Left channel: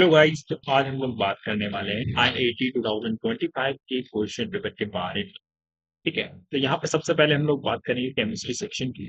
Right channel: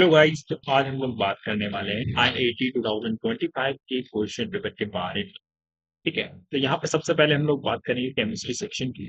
Hello guys, तो आज हम लोग बात करने वाले हैं IIT 2025 के क्वेश्चन पेपर के बारे में। ठीक है, तो यहाँ पे सबसे पहले हम लोग बात करेंगे केमिस्ट्री सेक्शन की।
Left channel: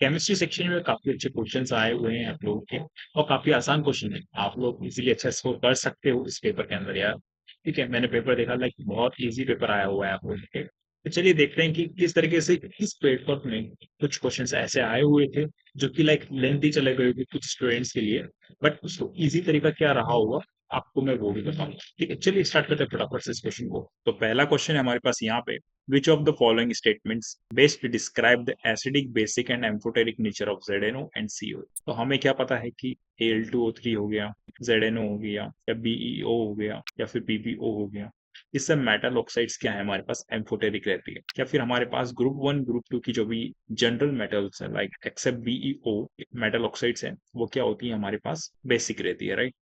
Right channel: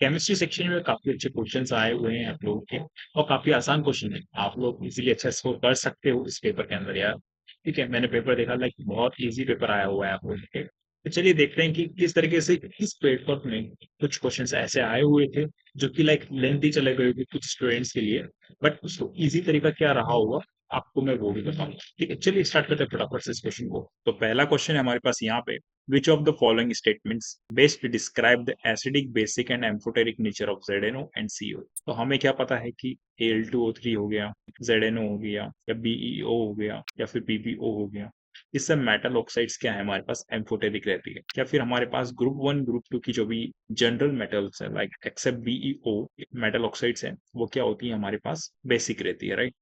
केमिस्ट्री सेक्शन में काफी अच्छे क्वेश्चंस आए हुए हैं आप लोगों के, और काफी आसान क्वेश्चन है। आप लोग इजीली अच्छा स्कोर कर सकते हो इस पेपर के अंदर यार। ठीक है, मैंने पेपर देखा, लाइक बहुत इजी पेपर आया हुआ है आप लोगों के। तो चलिए देखते हैं कि किस तरीके से इस पेपर में कुछ क्वेश्चंस ऐसे आए हुए थे जो कि लाइक लेंथी चले गए थे कुछ स्टूडेंट्स के लिए, बट उसको इजी तरीका क्या रहा होगा आपको मैं वो भी बताऊंगा। ठीक है, चलिए स्टार्ट करते हैं फटाफट से इस क्वेश्चन को। तो पहला क्वेश्चन है हमारे पास यहाँ पे, which of the following statements best describe the acidic, basic and amphoteric nature of ZNO and CO? तो हमें क्या पता है कि Al2O3 हो गया, ZNO हो गया, या BeO हो गया, या फिर PbO हो गया। इससे मेटल ऑक्साइड्स क्या है हमारे पास, एम्फोटेरिक रहती है। या फिर हमारे पास ग्रुप 1 ग्रुप 2 की जो भी जनरल मेटल्स है, like except BeO metal oxides हैं, वो क्या होती है हमारे पास, बेसिक रहती है, राइट।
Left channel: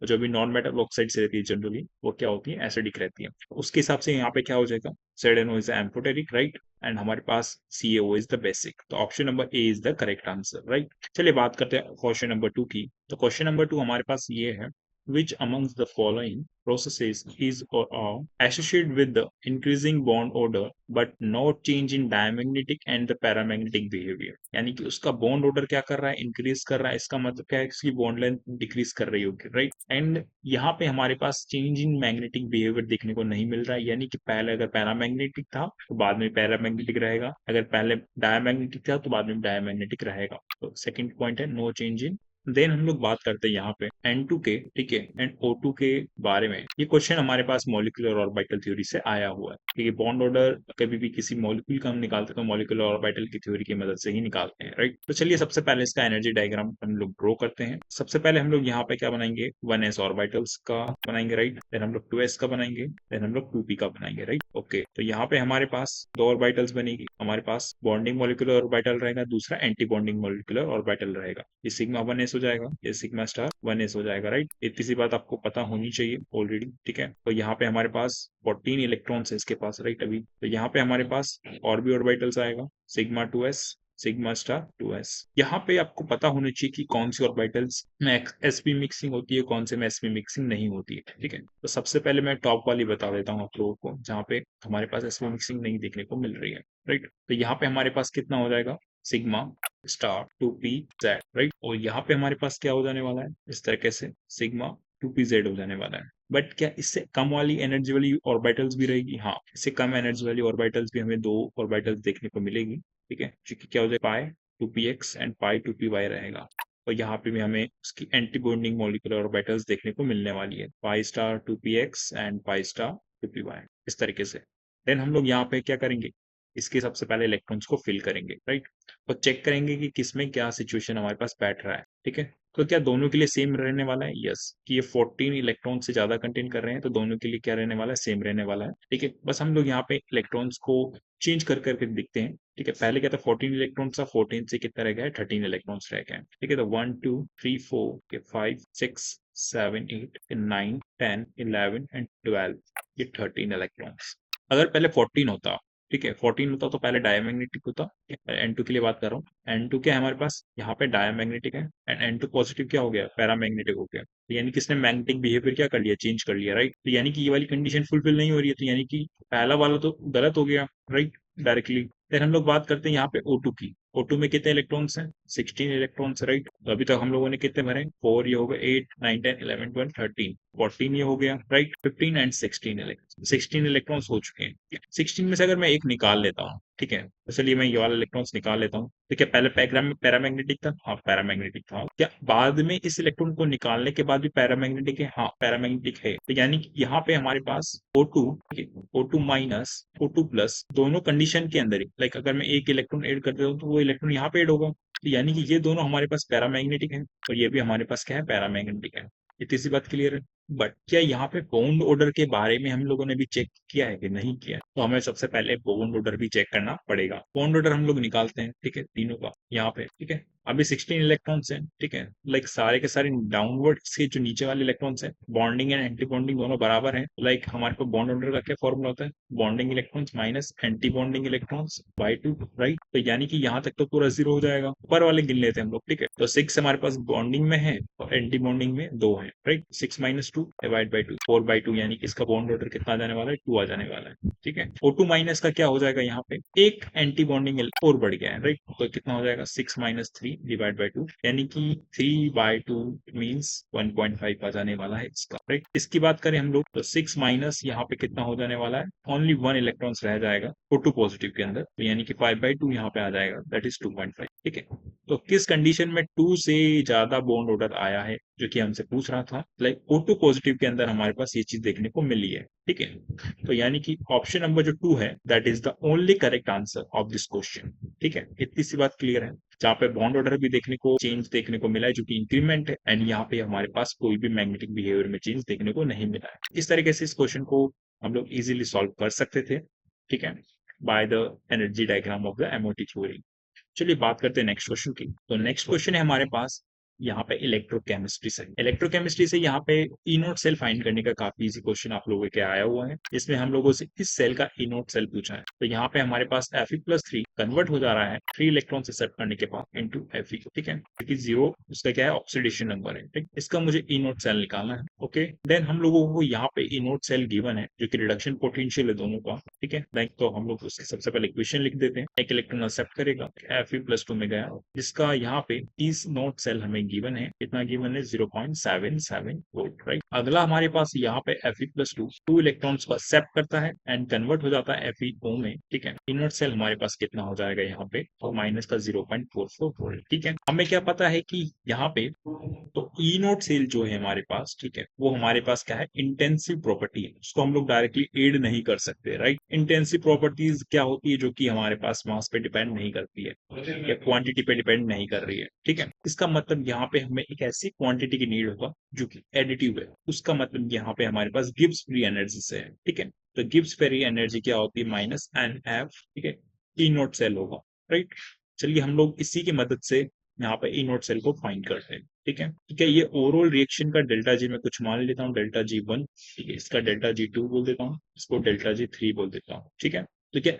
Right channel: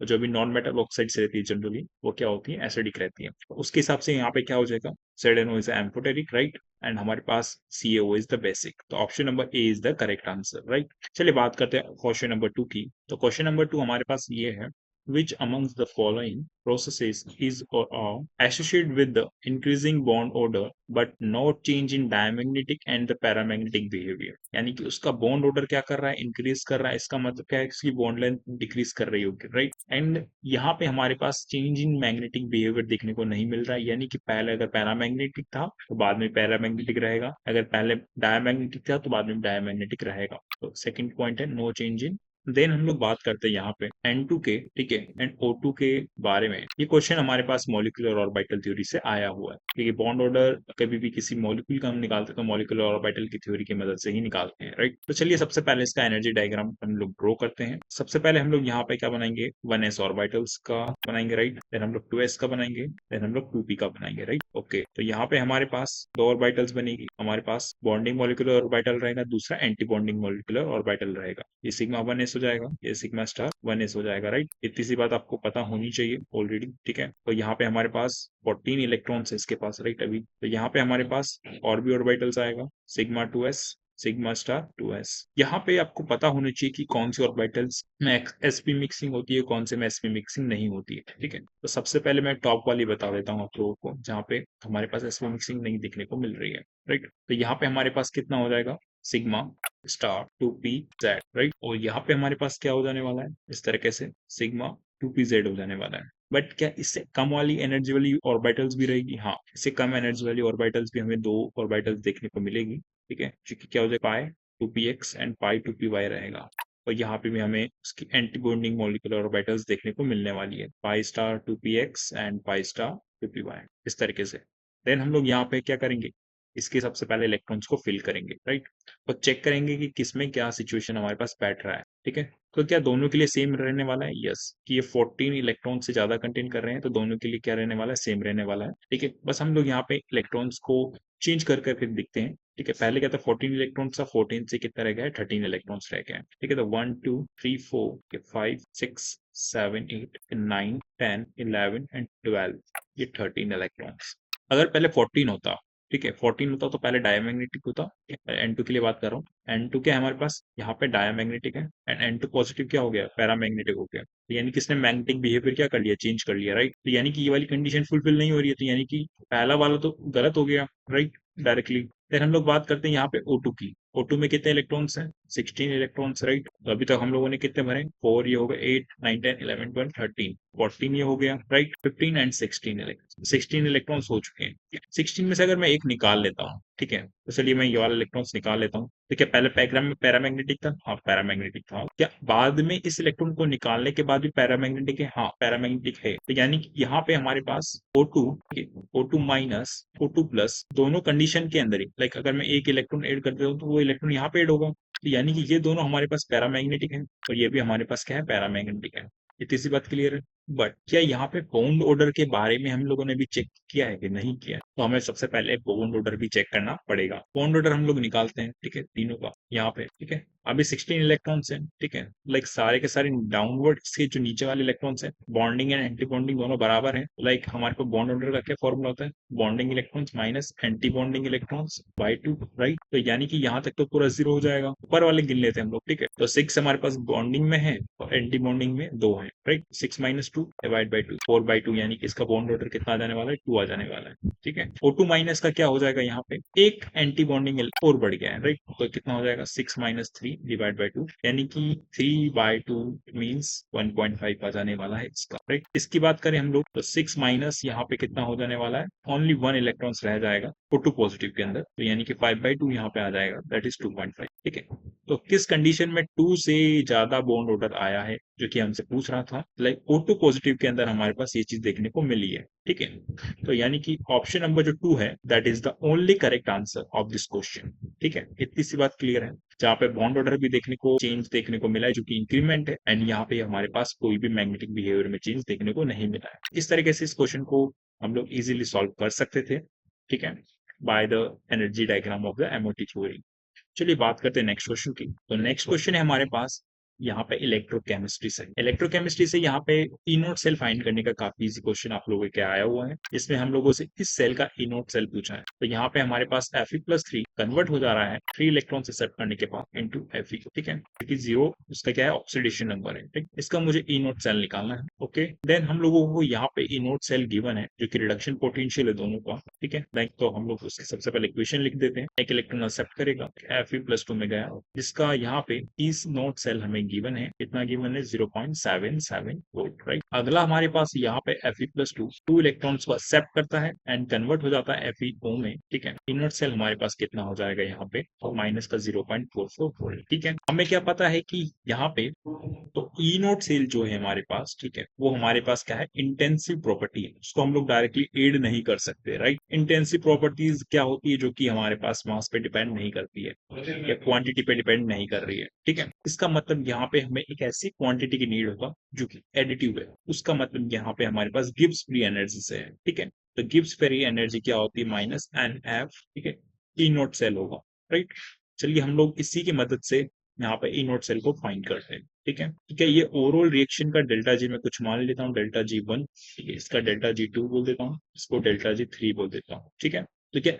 तो जो भी नॉन मेटल ऑक्साइड्स रहती है जनरली, वो क्या होती है, एसिडिक रहती है। तो उसके हिसाब से यहाँ पे क्या हो जाएगा, ZNO is amphoteric, right, and हमारे पास CO इज द बेसिक। तो option number A is the correct answer, right. चलिए बात करते हैं क्वेश्चन नंबर 2 की। तो क्वेश्चन नंबर 2 हमारे पास ये है, which amongst the following processes is or are associated with the increasing bond order but not change in diamagnetic and the paramagnetic behavior। यानी कि उसका बॉन्ड ऑर्डर क्या कर रहा है, इंक्रीज कर रहा है। इसका मतलब क्या है, इसकी बॉन्ड लेंथ डिक्रीज कर रही होगी, राइट। एंड यहाँ पे हमारे पास चेंज इन मैग्नेटिक बिहेवियर देखने को नहीं मिल रहा है। यानी कि पहले अगर पैरामैग्नेटिक था तो बाद में पैरामैग्नेटिक रहेगा, अगर पहले डायमैग्नेटिक था तो बाद में डायमैग्नेटिक रहेगा। सेकंड पॉइंट है नो चेंज इन। देन हम लोग बात करते हैं यहाँ पे N2 के, ठीक है, एंड O2 के बारे में। ये क्वेश्चन हमारे पास मॉलिक्यूलर ऑर्बिटल थ्योरी से आया हुआ है। ठीक है, बॉन्ड ऑर्डर कभी भी किसी मॉलिक्यूल का हम निकालते हैं तो मॉलिक्यूलर ऑर्बिटल की थ्योरी की मदद से ही निकालते हैं, राइट। तो चलिए सबसे पहले इसका एनर्जी डायग्राम हम लोग ड्रॉ करते हैं। सबसे पहले हम लोग यहाँ पे क्या बनाएंगे, 1s ऑर्बिटल्स का बनाएंगे, राइट। देन हम लोग 2s का बनाएंगे, देन हम लोग 2p का बनाएंगे, राइट। ओके, तो यहाँ पे हमारे पास दो ऑर्बिटल्स बनेगी। हमारे पास बॉन्डिंग मॉलिक्यूलर ऑर्बिटल रहेगा, दूसरा एंटी बॉन्डिंग मॉलिक्यूलर ऑर्बिटल रहेगा। ये सिग्मा 1s हो जाएगा, ये सिग्मा स्टार 1s हो जाएगा, राइट। इतनी सी बात आपको पता होनी चाहिए ऑलरेडी, ठीक है। तो यहाँ पे हमारे पास 14 इलेक्ट्रॉन्स है इसके पास, राइट। अभी तो यहाँ पे हमारे पास और भी ऑर्बिटल्स आएगा, sigma 2s, sigma star 2s। यहाँ पे आपको पता होना चाहिए कि कौन सी ऑर्बिटल्स में sp मिक्सिंग होती है, कौन से में sp मिक्सिंग नहीं होती है, ठीक है। तो सबसे पहले मैं टॉप वाली बता देता हूँ आप लोगों को, जहाँ पे हमारे पास sp मिक्सिंग नहीं देखने को मिल रही है, राइट। तो यहाँ पे हमारे पास कितना हो जाएगा, सिग्मा स्टार 2pz, राइट। और यहाँ पे हमारे पास क्या हो जाने वाला है, इस तरीके से सिग्मा 2pz हो जाने वाला है। बट क्या इससे कम वाली एनर्जी वाली ऑर्बिटल्स भी रहेगी, हाँ, इससे कम एनर्जी वाली ऑर्बिटल्स भी हमें दो ऑर्बिटल्स देखने को मिलेंगी, ठीक है। क्योंकि क्या हो जाएगा, पाई 2px एंड पाई 2py रहेगा। और यहाँ पे भी हमें उसकी एंटी बॉन्डिंग मॉलिक्यूलर ऑर्बिटल्स देखने को मिलने वाली है, pi star 2px and pi star 2py, इस तरीके से। देन हम लोग यहाँ पे क्या करेंगे, इसके सबसे पहले इलेक्ट्रॉन्स को फिल करेंगे, राइट। और चेक करेंगे कि किसमें क्या सिचुएशन हमारे पास बैठ रहा है, ठीक है। तो क्या दोनों के लिए सेम रहने वाला है, यस। कि ये 14 इलेक्ट्रॉन से ज्यादा कंटेन कर रहे हैं तो दोनों के लिए क्या रहने वाला है, सेम रहने वाला है, ठीक है। बस हम लोग यहाँ पे इलेक्ट्रॉन्स को चेंज कर करके देखते हैं, ठीक है। पहले क्या था, 14 इलेक्ट्रॉन था, 14 से कितना रह गया, 13 इलेक्ट्रॉन्स रह गए, ठीक है। तो 1 2 3 4 5 6 7 8 9 10 11 एंड 12, ये 13 इलेक्ट्रॉन्स। अगर पहले 14 होता, ठीक है, 14 होता तो पहले डायमैग्नेटिक होता। N2 के लिए बात कर रहा हूँ, N2 क्या है हमारे पास, यहाँ पे डायमैग्नेटिक है, एंड N2 पॉजिटिव क्या हो गया, पैरामैग्नेटिक हो गया। तो यानी कि इसने मैग्नेटिक बिहेवियर क्या कर लिया, चेंज कर लिया, राइट। तो यानी कि ये वाली कंडीशन फुलफिल नहीं हो रही है, तो यानी कि पहला वाला तो गलत हो गया, राइट, डायरेक्टली। फिर हम लोग बात करते हैं यहाँ पे O2 की। O2 में कितने इलेक्ट्रॉन्स हैं, 16 इलेक्ट्रॉन्स, राइट। तो अभी तक हम लोगों ने कितने भरे, 4, ये हो गया 8 9 10 11 12 13 14, ये हो गया, राइट। 15 एंड 16 इलेक्ट्रॉन्स हो चुके हैं। 16 में से अगर मैं एक निकाल लेता हूँ, ठीक है, तो चलिए मैं ये वाला इलेक्ट्रॉन्स निकाल लेता हूँ। तो क्या पहले डायग्राम में पैरामैग्नेटिक था, हाँ पैरामैग्नेटिक था। क्या बाद में इस इलेक्ट्रॉन को निकालने के बाद भी पैरामैग्नेटिक है, हाँ पैरामैग्नेटिक है। तो यानी कि यहाँ पे हमारे पास O2 माइनस O2 प्लस दोनों कंडीशन के अंदर ही, लाइक अगर मैं एक इलेक्ट्रॉन ऐड कर देता हूँ तो वो इलेक्ट्रॉन यहाँ पे ऐड होगा। तो यानी कि ये दोनों हमारे पास पैरामैग्नेटिक है और ये भी हमारे पास क्या है, पैरामैग्नेटिक है। इतनी सी बात क्लियर है। बट क्या यहाँ पे बॉन्ड ऑर्डर के बारे में हम लोगों ने भी चेक किया है कि नहीं किया है? तो हमें सबसे पहले बॉन्ड ऑर्डर भी चेक करना पड़ेगा। बॉन्ड ऑर्डर हम लोग निकालते हैं, ठीक है, तीनों का यहाँ पे, ठीक है। अभी 16 इलेक्ट्रॉन्स हैं, ठीक है, लाइक सारे के सारे डाउनवर्ड्स के जो नीचे वाले इलेक्ट्रॉन्स हैं, बॉन्डिंग एंड एंटी बॉन्डिंग दोनों बराबर हैं। लाइक हमारे को बॉन्ड ऑर्डर का क्या फॉर्मूला होता है? Bonding electrons minus anti bonding electrons by 2, right. तो यानी कि यहाँ तक तो पूरा 0 हो जाएगा। ऊपर वाले गिन लेते हैं हम लोग, ठीक है। तो 6 हमारे पास बॉन्डिंग में है और एंटी बॉन्डिंग में 2 है, राइट। 6 माइनस 2 डिवाइड बाई 2, 4/2, यानी कि इसका बॉन्ड ऑर्डर कितना आ जाने वाला है? 2 आ जाने वाला है, ठीक है। O2 माइनस का क्या हो जाएगा? यहाँ पे एक एंटी बॉन्डिंग और बढ़ गया है, राइट। तो कितना हो जाएगा? 6 माइनस 3 डिवाइड बाई 2, यानी कि 3/2 मीन्स 1.5 आ जाने वाला है इसका, राइट। इसकी बात करें हम लोग तो 6 माइनस यहाँ पे कितना हो जाने वाला है? ओनली 1 इलेक्ट्रॉन्स रह जाएगा O2 पॉजिटिव के अंदर, तो यानी कि 5/2 यहाँ पे आ जाएगा, दैट इज 2.5, ठीक है। तो किस कंडीशन में 2 से ज्यादा बॉन्ड ऑर्डर आया है, जो कि हमसे पूछ रहा था। लाइक O2 पॉजिटिव के अंदर हमारे पास ये चीज देखने को मिली है, ठीक है। तो यानी कि ऑप्शन नंबर जो 2 है, that is the only correct answer of this question, ठीक है। इतनी सी बात क्लियर है। जहाँ पे बॉन्ड ऑर्डर भी देखने को चेंज देखने को मिला है, जो कि इंक्रीमेंट है, एंड यहाँ पे हमारे पास कोई भी मैग्नेटिक बिहेवियर में चेंज देखने को नहीं मिला है। इस तरीके से इस क्वेश्चन को हम लोग इजीली सॉल्व कर सकते थे, ठीक है, by the energy diagram of the MOT theory. चलिए बात करते हैं नेक्स्ट क्वेश्चन की। तो नेक्स्ट क्वेश्चन है हमारे पास यहाँ पे इलेक्ट्रोकेमिस्ट्री से। इलेक्ट्रोकेमिस्ट्री से यहाँ पे ई नोट सेल फाइंड करने का काफी इजी क्वेश्चन आप लोगों के आया हुआ है, जिसमें हम लोगों से इस सेल का ई नोट सेल पूछा है। तो यहाँ पे हमारे पास Fe+3 कन्वर्ट हो जा रहा है 3 इलेक्ट्रॉन से सेट करने के बाद इनटू Fe, ठीक है, क्योंकि 0 उसका क्या है? ऑक्सीडेशन नंबर है, ठीक। इसका मुझे ई नोट सेल निकालना है, ओके। देन हम लोगों को यहाँ पे ई नोट सेल गिवन है, जो कि रिडक्शन पोटेंशियल है दोनों का, ठीक है। लाइक तो हम लोग उसके सबसे पहले इक्वेशन लिख देते हैं। एक इलेक्ट्रॉन एक्सेप्ट करेगा Fe+2 में गया, जिसका यहाँ पे इस नोट सेल हमें गिवन है, कितना गिवन है? 0.77 वोल्ट, राइट। अगला हमारे पास यहाँ पे Fe+2 2 इलेक्ट्रॉन्स को एक्सेप्ट करता है एंड कन्वर्ट हो जाता है FeO में, ठीक है। इनर सेल हमारे पास कितना हो जाएगा यहाँ पे? और माइनस का 0.44 वोल्ट, ठीक है। हमें क्या पता है कि यहाँ पे तो ई नोट सेल जो है हमारे पास, ठीक है, वो हमारे पास क्या है? इंटेंसिव प्रॉपर्टी है, उसको हम लोग डायरेक्टली एड नहीं कर सकते, राइट। इंटेंसिव प्रॉपर्टीज क्या होती है? जो कि हमारे पास मास पे डिपेंड नहीं करती है या क्वांटिटी पे डिपेंड नहीं कर रही है, ठीक है। इसका मतलब यहाँ पे हमें एक ऐसी क्वांटिटी की नीड होगा जो कि एडिटिव है। उसका मतलब यहाँ पे हमारे पास गिब्स फ्री एनर्जी से है, ठीक है। तो गिब्स फ्री एनर्जी क्या होती है? -NF, ठीक है। ई नोट सेल होगा, राइट। चलिए हम लोग इसी की मदद से यहाँ पे ई नोट सेल को फाइंड करते हैं, ठीक है। ठीक है, ये ओवरऑल रिएक्शन का डेल्टा जी मैं कुछ मान लेता हूँ, डेल्टा G1, ठीक है। इसका डेल्टा G2 बोल देता हूँ, इसको डेल्टा G3 बोल देता हूँ, ठीक है। तो क्या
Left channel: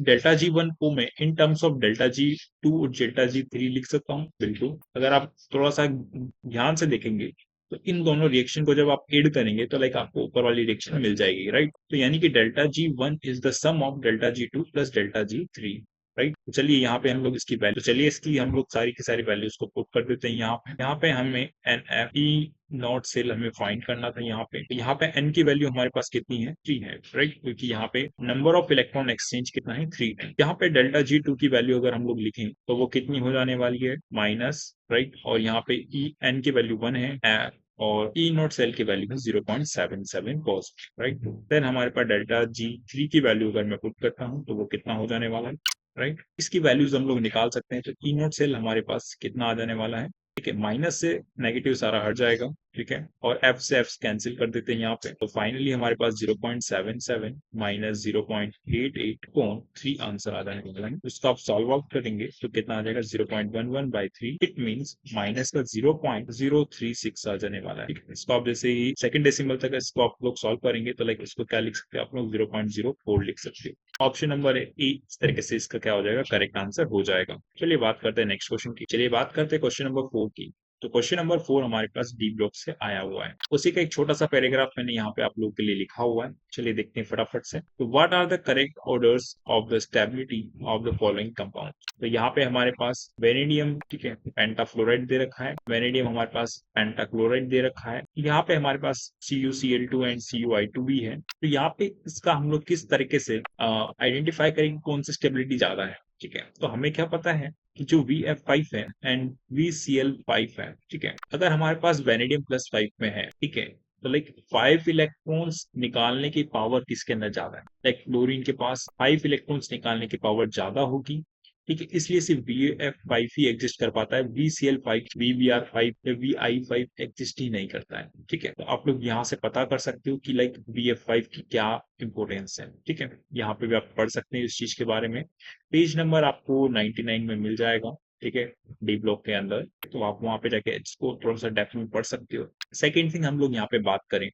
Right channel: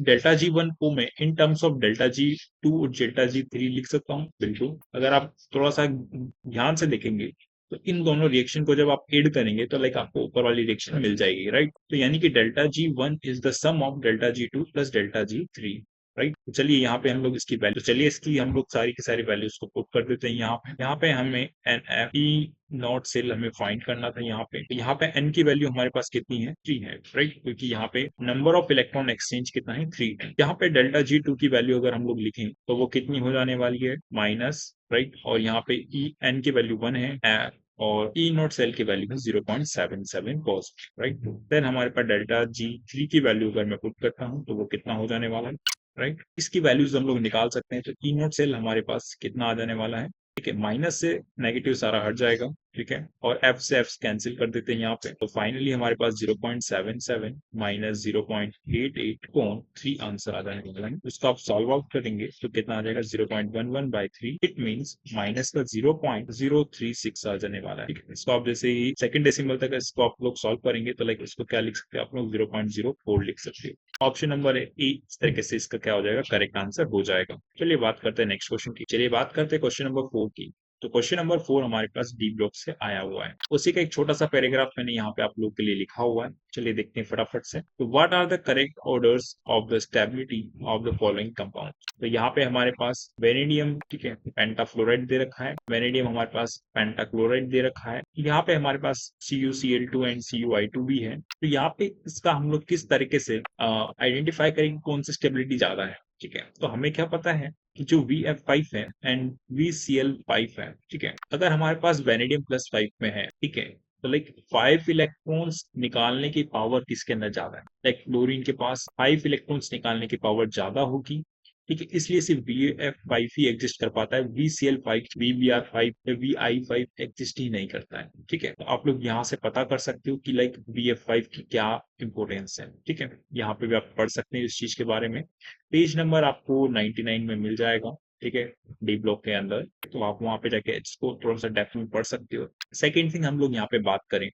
डेल्टा G1 को मैं in terms of delta G2 और डेल्टा G3 लिख सकता हूँ? बिल्कुल। अगर आप थोड़ा सा ध्यान से देखेंगे तो इन दोनों रिएक्शन को जब आप ऐड करेंगे तो लाइक आपको ऊपर वाली रिएक्शन मिल जाएगी, राइट। तो यानी कि delta G1 is the sum of delta G2 plus delta G3, right. चलिए यहाँ पे हम लोग इसकी वैल्यू, चलिए इसकी हम लोग सारी की सारी वैल्यूज को पुट कर देते हैं यहाँ पे हमें NFE नॉट सेल हमें फाइंड करना था। यहाँ पे तो यहाँ पे n की वैल्यू हमारे पास कितनी है? 3 है, राइट। क्योंकि यहाँ पे नंबर ऑफ इलेक्ट्रॉन एक्सचेंज कितना है? 3 है। यहाँ पे डेल्टा G2 की वैल्यू अगर हम लोग लिखें तो वो कितनी हो जाने वाली है? Minus, right. और यहाँ पे n की वैल्यू 1 है, और ई नोट सेल की वैल्यू है 0.77 पॉजिटिव, राइट। देन हमारे पास डेल्टा G3 की वैल्यू अगर मैं पुट करता हूँ तो वो कितना हो जाने वाला है, राइट। इसकी वैल्यूज हम लोग निकाल सकते हैं। तो ई नोट सेल हमारे पास कितना आ जाने वाला है? ठीक है, माइनस से नेगेटिव सारा हट जाएगा, ठीक है। और एफ से एफ कैंसिल कर देते हैं यहाँ पे, तो फाइनली हमारे पास 0.77 माइनस 0.88 कौन 3 आंसर आ जाने वाला है। इसको आप सॉल्व आउट करेंगे तो कितना आ जाएगा? 0.11/3, इट मींस माइनस का 0.036 आ जाने वाला है, ठीक है। इसको आप जैसे ही सेकंड डेसिमल तक इसको आप लोग सॉल्व करेंगे तो लाइक इसको क्या लिख सकते हैं आप लोग? 0.04 लिख सकते हैं। ऑप्शन नंबर ई इस तरीके से इसका क्या हो जाएगा? करेक्ट आंसर हो जाएगा। चलिए बात करते हैं नेक्स्ट क्वेश्चन की। चलिए बात करते हैं क्वेश्चन नंबर 4 की। तो क्वेश्चन नंबर 4 हमारे पास डी ब्लॉक से आया हुआ है। उसी का एक छोटा सा पैराग्राफ मैंने यहाँ पे आप लोगों के लिए लिखा हुआ है। चलिए देखते हैं फटाफट से। तो what are the correct orders of the stability of the following compound. तो यहाँ पे हमारे पास वेनेडियम, ठीक है, पेंटाफ्लोराइड दे रखा है। वेनेडियम हमारे पास पेंटाक्लोराइड दे रखा है। यहाँ पे हमारे पास CuCl2 एंड CuI2 भी है। तो यहाँ पे इसका हम लोग किस तरीके से आइडेंटिफाई करेंगे कौन सी स्टेबिलिटी ज्यादा है, ठीक है। तो हमें क्या पता है कि जो VF5 है एंड VCl5 है, ठीक है। अगर हमारे पास वेनेडियम +5 में है, ठीक है, तो लाइक 5 इलेक्ट्रॉन्स निकालने की पावर किसके अंदर ज्यादा है? लाइक क्लोरीन के पास 5 इलेक्ट्रॉन्स निकालने की पावर ज्यादा होगी ठीक है, इसलिए सिर्फ BF5 ही एग्जिस्ट कर पाता है, BCl5, BBr5 या VI5 एग्जिस्ट ही नहीं करता है। ठीक है, तो आप लोग यहाँ से पता कर सकते हो कि लाइक BF5 की क्या इंपॉर्टेंस है। ठीक है, यहाँ पे भी आप पढ़ सकते हैं इस चीज के बारे में। पेज नंबर आपको 99 में मिल जाएगा। ठीक है, डी ब्लॉक के अंदर, तो आप वहाँ पे जाके इसको थोड़ा सा डेप्थ में पढ़ सकते हो। सेकेंड थिंग हम लोग यहाँ पे बात करें,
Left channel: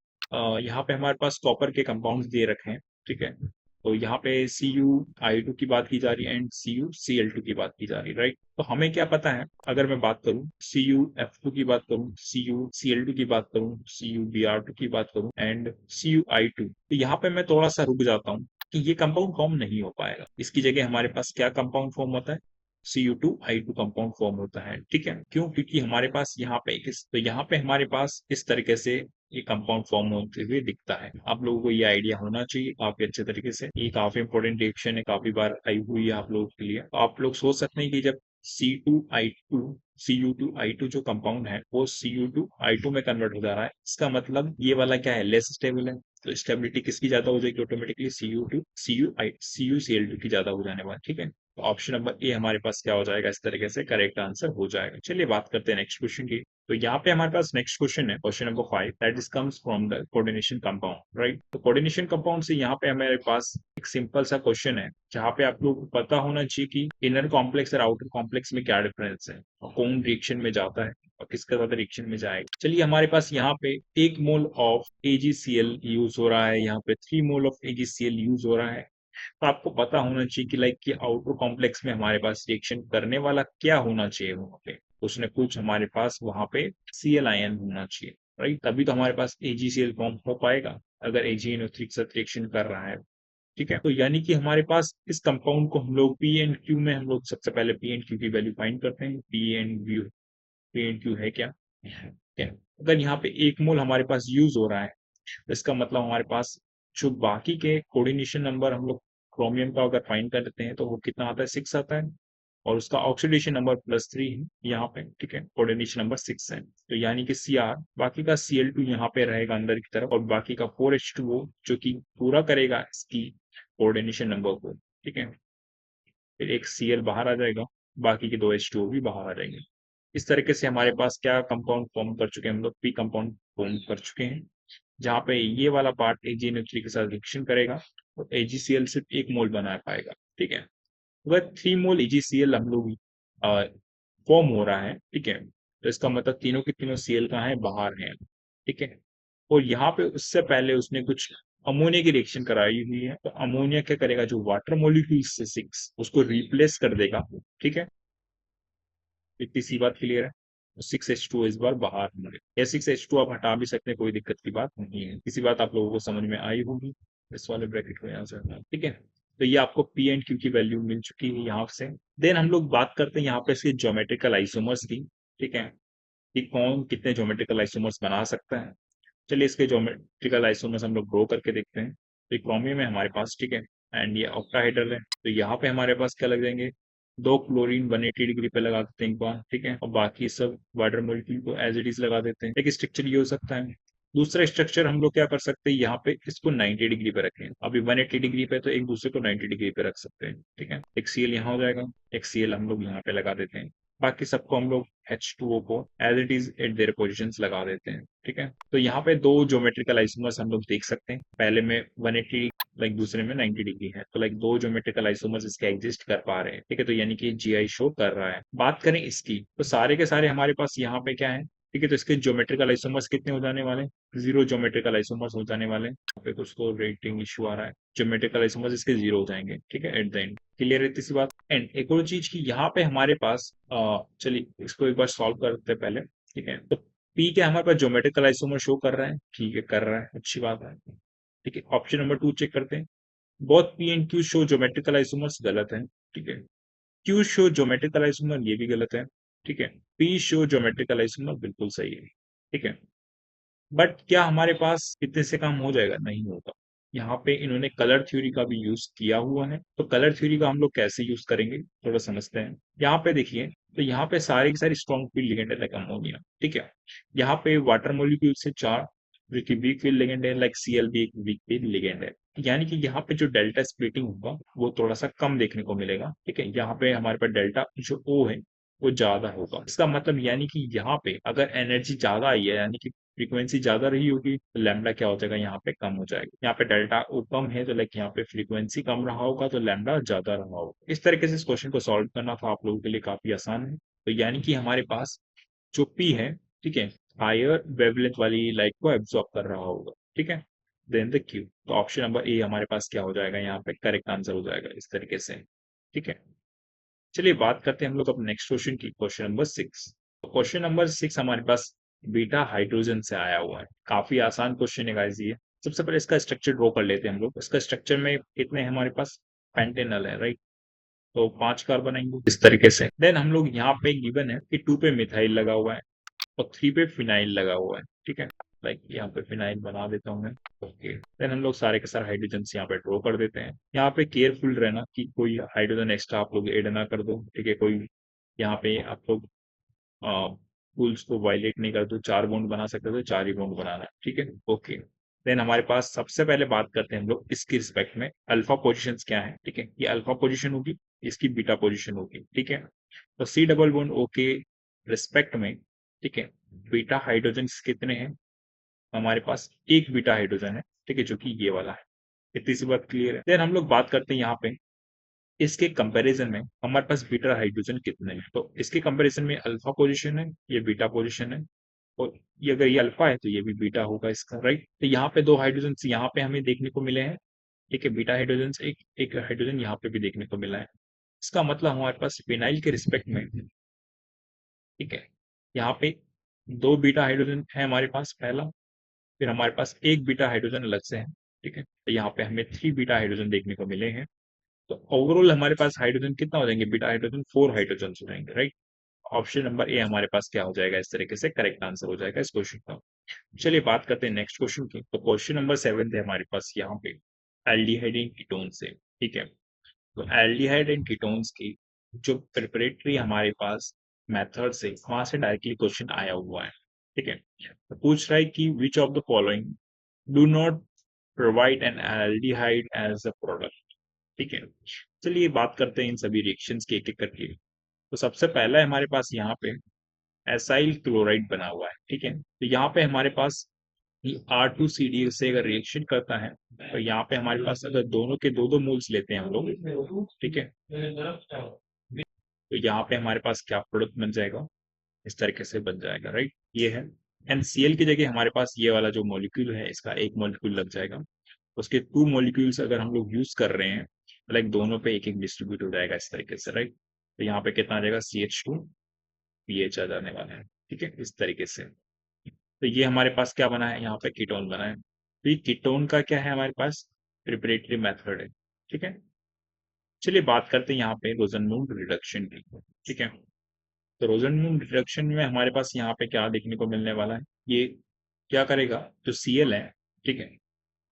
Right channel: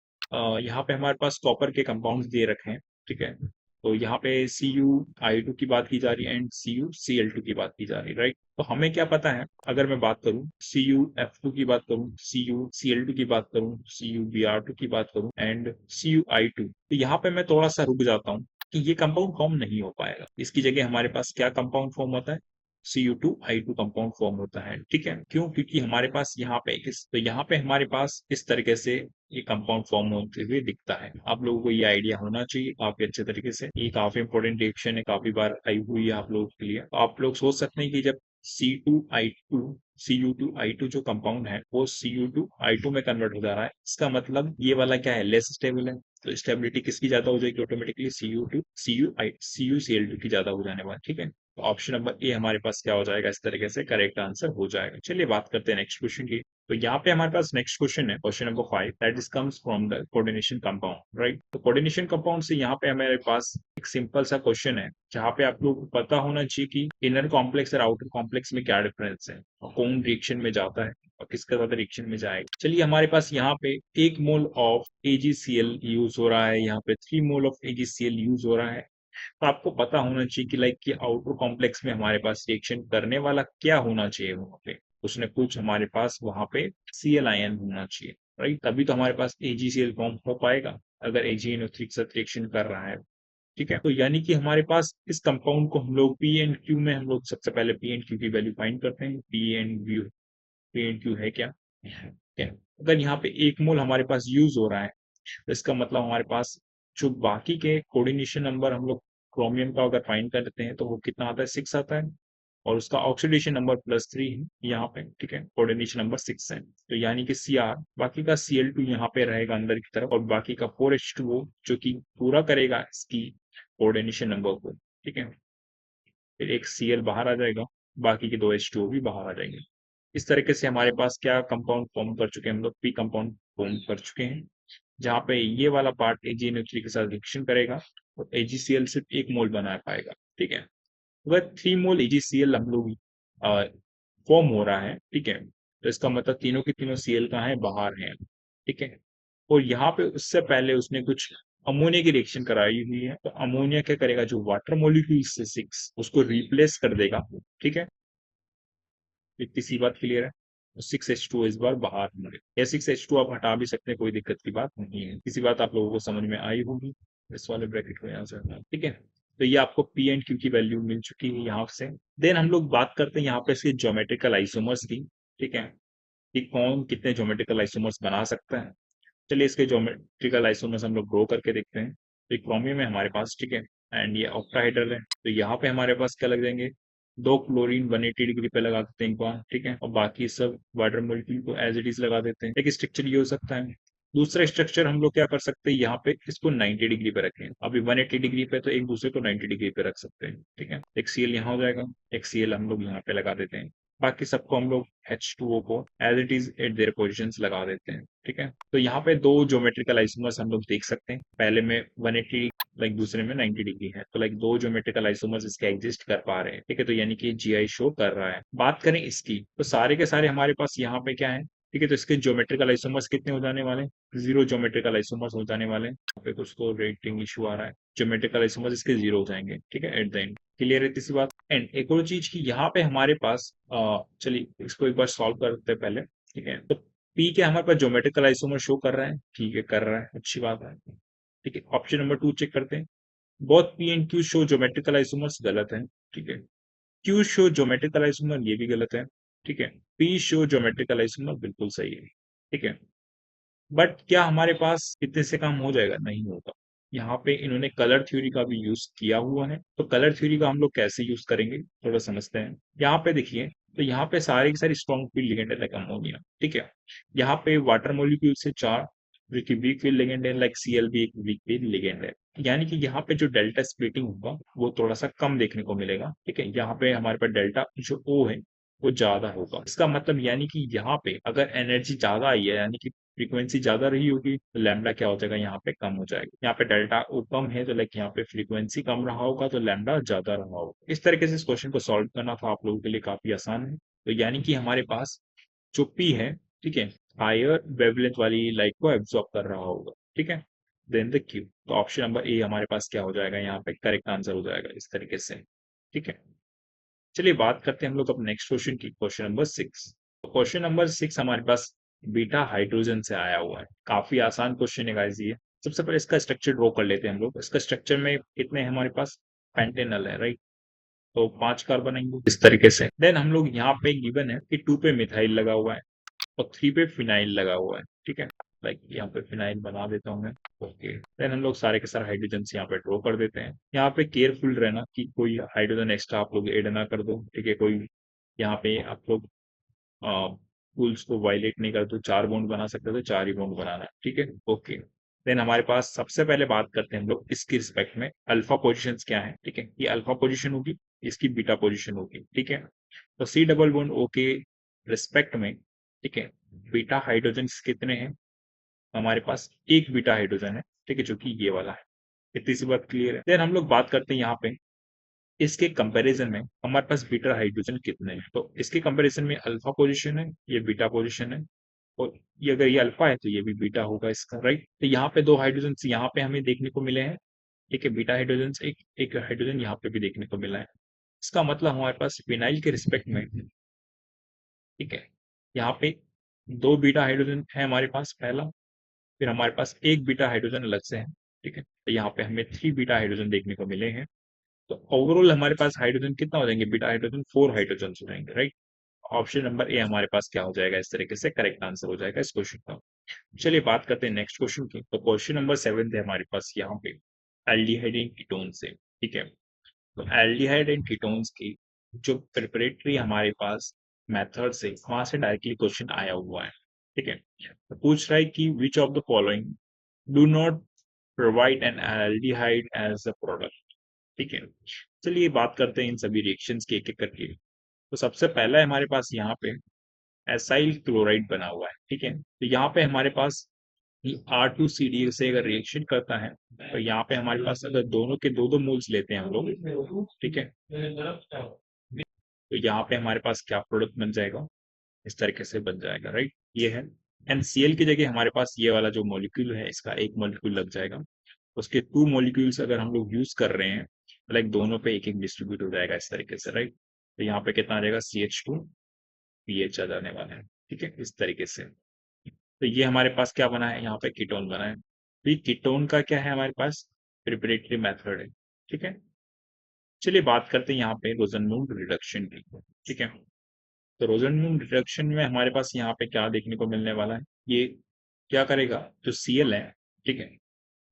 यहाँ पे हमारे पास कॉपर के कंपाउंड्स दे रखे हैं। ठीक है, तो यहाँ पे CuI2 की बात की जा रही है एंड CuCl2 की बात की जा रही है, राइट। तो हमें क्या पता है, अगर मैं बात करूँ CuF2 की बात करूँ, CuCl2 की बात करूँ, CuBr2 की बात करूँ एंड CuI2, तो यहाँ पे मैं थोड़ा सा रुक जाता हूँ कि ये कंपाउंड फॉर्म नहीं हो पाएगा। इसकी जगह हमारे पास क्या कंपाउंड फॉर्म होता है, Cu2I2 कंपाउंड फॉर्म होता है। ठीक है, क्यों? क्योंकि हमारे पास यहाँ पे हमारे पास इस तरीके से ये कंपाउंड फॉर्म होते हुए दिखता है। आप लोगों को ये आइडिया होना चाहिए काफी अच्छे तरीके से। ये काफी इंपॉर्टेंट रिएक्शन है, काफी बार आई हुई है आप लोगों के लिए। तो आप लोग सोच सकते हैं कि जब C2I2 Cu2I2 जो कंपाउंड है वो Cu2I2 में कन्वर्ट हो जा रहा है, इसका मतलब ये वाला क्या है, लेस स्टेबल है। तो स्टेबिलिटी किसकी ज्यादा हो जाएगी, ऑटोमेटिकली CuCl2 की ज्यादा हो जाने वाली। ठीक है, तो ऑप्शन नंबर ए हमारे पास क्या हो जाएगा, इस तरीके से करेक्ट आंसर हो जाएगा। चलिए बात करते हैं नेक्स्ट क्वेश्चन की। तो यहाँ पे हमारे पास नेक्स्ट क्वेश्चन है, question number 5, that is comes from the coordination compound, right. तो कोऑर्डिनेशन कंपाउंड से यहाँ पे हमारे पास एक सिंपल सा क्वेश्चन है, जहाँ पे आप लोग को पता होना चाहिए कि इनर कॉम्प्लेक्स और आउटर कॉम्प्लेक्स में क्या डिफरेंस है और कौन रिएक्शन में जाता है और किसके साथ रिएक्शन में जाएगा। चलिए, हमारे पास यहाँ पे 1 मोल ऑफ AgCl यूज हो रहा है, यहाँ पे 3 मोल ऑफ AgCl यूज हो रहा है। तो आपको पता होना चाहिए कि लाइक कि आउटर कॉम्प्लेक्स में हमारे पास रिएक्शन करने वाला क्या होना चाहिए, वहाँ पे कुछ न कुछ हमारे पास वहाँ पे Cl आयन होना चाहिए, राइट। तभी तो हमारे पास AgCl फॉर्म हो पाएगा, अगर AgNO3 के साथ रिएक्शन कर रहा है। ठीक है, तो यानी कि हमारे पास इस कंपाउंड को हम लोग पी एंड क्यू में हम लोग सबसे पहले पी एंड क्यू की वैल्यू फाइंड करते हैं। पी एंड क्यू है क्या, क्या? अगर यहाँ पे 1 मोल हमारे पास यूज हो रहा है, तो इसका मतलब हमारे पास जो बाकी के कोऑर्डिनेशन नंबर हम लोग क्रोमियम का अगर फाइंड करते हैं तो वो कितना आता है, 6 आता है। और उसका ऑक्सीडेशन नंबर +3 है यहाँ पे। ठीक है, कोऑर्डिनेशन नंबर 6 है, तो यानी कि Cr, बाकी का Cl2 यहाँ पे रहेगा अंदर की तरफ, और बाकी का 4H2O जो कि पूरा करेगा इसकी कोऑर्डिनेशन नंबर को। ठीक है, फिर एक Cl बाहर आ जाएगा, बाकी के 2H2O भी बाहर आ जाएंगे। इस तरीके से हमारे पास क्या कंपाउंड फॉर्म कर चुके हैं, हम लोग पी कंपाउंड फॉर्म कर चुके हैं, जहाँ पे ये वाला पार्ट AgNO3 के साथ रिएक्शन करेगा तो AgCl सिर्फ 1 मोल बना पाएगा। ठीक है, अगर 3 मोल AgCl हम लोग फॉर्म हो रहा है, ठीक है, तो इसका मतलब तीनों के तीनों Cl का है, बाहर है। ठीक है, और यहाँ पे उससे पहले उसने कुछ अमोनिया की रिएक्शन कराई हुई है, तो अमोनिया क्या करेगा, जो वाटर मॉलिक्यूल से 6 उसको रिप्लेस कर देगा। ठीक है, इतनी सी बात क्लियर है। 6H2 इस बार बाहर है, या 6H2 आप हटा भी सकते हैं, कोई दिक्कत की बात नहीं है। इसी बात आप लोगों को समझ में आई होगी, इस वाले ब्रैकेट को यहाँ से हटा। ठीक है, तो ये आपको पी एंड क्यू की वैल्यू मिल चुकी है यहाँ से। देन हम लोग बात करते हैं यहाँ पे इसके ज्योमेट्रिकल आइसोमर्स की। ठीक है, कि कौन कितने ज्योमेट्रिकल आइसोमर्स बना सकता है। चलिए, इसके ज्योमेट्रिकल आइसोमर्स हम लोग ड्रॉ करके देखते हैं। तो क्रोमियम है हमारे पास, ठीक है, एंड ये ऑक्टाहेड्रल है, तो यहाँ पे हमारे पास क्या लगेंगे, 2 क्लोरीन 180 डिग्री पे लगा देते हैं एक बार। ठीक है, और बाकी सब वाटर मॉलिक्यूल को एज इट इज लगा देते हैं। एक स्ट्रक्चर ये हो सकता है। दूसरा स्ट्रक्चर हम लोग क्या कर सकते हैं, यहाँ पे इसको 90 डिग्री पे रखें। अभी 180 डिग्री पे, तो एक दूसरे को 90 डिग्री पे रख सकते हैं। ठीक है, एक Cl यहाँ हो जाएगा, एक Cl हम लोग यहाँ पे लगा देते हैं, बाकी सबको हम लोग H2O को as it is at their positions लगा देते हैं। ठीक है, तो यहाँ पे 2 ज्योमेट्रिकल आइसोमर्स हम लोग देख सकते हैं, पहले में 180 लाइक दूसरे में 90 डिग्री है, तो लाइक 2 ज्योमेट्रिकल आइसोमर्स इसके एग्जिस्ट कर पा रहे हैं। ठीक है, तो यानी कि GI शो कर रहा है। बात करें इसकी, तो सारे के सारे हमारे पास यहाँ पे क्या है, ठीक है, तो इसके ज्योमेट्रिकल आइसोमर्स कितने हो जाने वाले, 0 ज्योमेट्रिकल आइसोमर्स हो जाने वाले। यहाँ पे कुछ तो रेटिंग इशू आ रहा है, ज्योमेट्रिकल आइसोमर्स इसके 0 हो जाएंगे। ठीक है, एट द एंड क्लियर है इसी बात। एंड एक और चीज की, यहाँ पे हमारे पास चलिए इसको एक बार सॉल्व करते हैं पहले। ठीक है, तो पी क्या हमारे पास ज्योमेट्रिकल आइसोमर शो कर रहा है, ठीक है, कर रहा है, अच्छी बात है। ठीक है, ऑप्शन नंबर 2 चेक करते हैं। Both P and Q show geometrical isomers, गलत है। ठीक है, क्यू शो ज्योमेट्रिकल आइसोमर, ये भी गलत है। ठीक है, पी शो ज्योमेट्रिकल आइसोमर, बिल्कुल सही है। ठीक है, बट क्या हमारे पास इतने से काम हो जाएगा, नहीं होगा। यहाँ पे इन्होंने कलर थ्योरी का भी यूज किया हुआ है, तो कलर थ्योरी का हम लोग कैसे यूज करेंगे थोड़ा समझते हैं। यहाँ पे देखिए, तो यहाँ पे सारे के सारे स्ट्रॉन्ग फील्ड लिगेंड है लाइक अमोनिया। ठीक है, यहाँ पे वाटर मोलिक्यूल से 4, वीक फील्ड लिगेंड है, लाइक Cl भी एक वीक फील्ड लिगेंड है। यानी कि यहाँ पे जो डेल्टा स्प्लिटिंग होगा वो थोड़ा सा कम देखने को मिलेगा। ठीक है, यहाँ पे हमारे पास डेल्टा जो O है वो ज्यादा होगा। इसका मतलब यानी कि यहाँ पे अगर एनर्जी ज्यादा आई है, यानी कि फ्रीक्वेंसी ज्यादा रही होगी, तो लैम्डा क्या हो जाएगा, यहाँ पे कम हो जाएगा। यहाँ पे डेल्टा ओ कम है तो लाइक यहाँ पे फ्रीक्वेंसी कम रहा होगा, तो लैम्डा ज्यादा रहा होगा। इस तरीके से इस क्वेश्चन को सॉल्व करना था आप लोगों के लिए काफी आसान है। तो यानी कि हमारे पास जो पी है, ठीक है, हायर वेवलेंथ वाली लाइट को एब्जॉर्ब कर रहा होगा। ठीक है, देन द क्यू, तो ऑप्शन नंबर ए हमारे पास क्या हो जाएगा, यहाँ पे करेक्ट आंसर हो जाएगा इस तरीके से। ठीक है, चलिए बात करते हैं हम लोग अब नेक्स्ट क्वेश्चन की, क्वेश्चन नंबर 6। क्वेश्चन नंबर 6 हमारे पास बीटा हाइड्रोजन से आया हुआ है। काफी आसान क्वेश्चन है गाइस ये। सबसे पहले इसका स्ट्रक्चर ड्रॉ कर लेते हैं हम लोग। इसका स्ट्रक्चर में कितने हैं हमारे पास, पेंटेनल है, राइट। तो 5 कार्बन आएंगे इस तरीके से। देन हम लोग यहाँ पे गिवन है कि 2 पे मिथाइल लगा हुआ है और 3 पे फिनाइल लगा हुआ है। ठीक है, लाइक यहाँ पे फिनाइल बना देता हूँ मैं। ओके, देन हम लोग सारे के सारे हाइड्रोजन यहाँ पे ड्रॉ कर देते हैं। यहाँ पे केयरफुल रहना कि कोई हाइड्रोजन एक्स्ट्रा आप लोग ऐड ना कर दो। ठीक है, कोई यहाँ पे आप लोग रूल्स को वायलेट नहीं कर दो। 4 बॉन्ड बना सकते हो तो 4 ही बॉन्ड बनाना है। ठीक है, ओके। देन हमारे पास सबसे पहले बात करते हैं हम लोग इसकी रिस्पेक्ट में अल्फा पोजिशन क्या है। ठीक है, ये अल्फा पोजिशन होगी, इसकी बीटा पोजिशन होगी। ठीक है, तो सी डबल बॉन्ड ओ के रिस्पेक्ट में, ठीक है, बीटा हाइड्रोजन कितने हैं, हमारे पास एक बीटा हाइड्रोजन है। ठीक है, जो कि ये वाला है। इतनी सी बात क्लियर है। देन हम लोग बात करते हैं यहाँ पे इसके कंपैरिजन में हमारे पास बीटा हाइड्रोजन कितने हैं। तो इसके कंपैरिजन में अल्फा पोजीशन है, ये बीटा पोजीशन है, और ये अगर ये अल्फा है तो ये भी बीटा होगा इसका, राइट। तो यहाँ पे 2 हाइड्रोजन यहाँ पे हमें देखने को मिले हैं। ठीक है, बीटा हाइड्रोजन से एक एक हाइड्रोजन यहाँ पे भी देखने को मिला है। इसका मतलब हमारे पास फिनाइल के रिस्पेक्ट में, ठीक है, यहाँ पे 2 बीटा हाइड्रोजन है हमारे पास पहला, फिर हमारे पास एक बीटा हाइड्रोजन अलग से है। ठीक है, तो यहाँ पे हमें 3 बीटा हाइड्रोजन देखने को मिले हैं। तो ओवरऑल हमारे पास हाइड्रोजन कितना हो जाएंगे, बीटा हाइड्रोजन 4 हाइड्रोजन हो जाएंगे, राइट। ऑप्शन नंबर ए हमारे पास क्या हो जाएगा, इस तरीके से करेक्ट आंसर हो जाएगा इस क्वेश्चन का। चलिए बात करते हैं नेक्स्ट क्वेश्चन की। तो क्वेश्चन नंबर 7 है हमारे पास यहाँ पे एल्डिहाइड एंड कीटोन से। ठीक है, तो एल्डिहाइड एंड कीटोन्स की जो प्रिपरेटरी हमारे पास मेथड से वहां से डायरेक्टली क्वेश्चन आया हुआ है। ठीक है, तो पूछ रहा है कि which of the following do not provide an aldehyde as a product. ठीक है, चलिए बात करते हैं इन सभी रिएक्शंस की एक एक करके। तो सबसे पहला है हमारे पास यहाँ पे एसाइल क्लोराइड बना हुआ है। ठीक है, तो यहाँ पे हमारे पास R2CD से अगर रिएक्शन करता है तो यहाँ पे हमारे पास अगर दोनों के दो दो मोल्स लेते हैं हम लोग, ठीक है, तो यहाँ पे हमारे पास क्या प्रोडक्ट बन जाएगा, इस तरीके से बन जाएगा, राइट। ये है NCl की जगह हमारे पास ये वाला जो मॉलिक्यूल है इसका एक मॉलिक्यूल लग जाएगा। उसके 2 मॉलिक्यूल्स अगर हम लोग यूज कर रहे हैं तो लाइक दोनों पे एक एक डिस्ट्रीब्यूट हो जाएगा इस तरीके से, राइट। तो यहाँ पे कितना आ जाएगा, CH2 पीएच आ जाने वाला है। ठीक है, इस तरीके से। तो ये हमारे पास क्या बना है, यहाँ पे कीटोन बना है। तो ये कीटोन का क्या है हमारे पास, प्रिपरेटरी मेथड है। ठीक है, चलिए बात करते हैं यहाँ पे रोजनमून रिडक्शन की। ठीक है, तो रोजनमून रिडक्शन में हमारे पास यहाँ पे क्या देखने को मिलने वाला है, ये क्या करेगा, जो Cl है, ठीक है,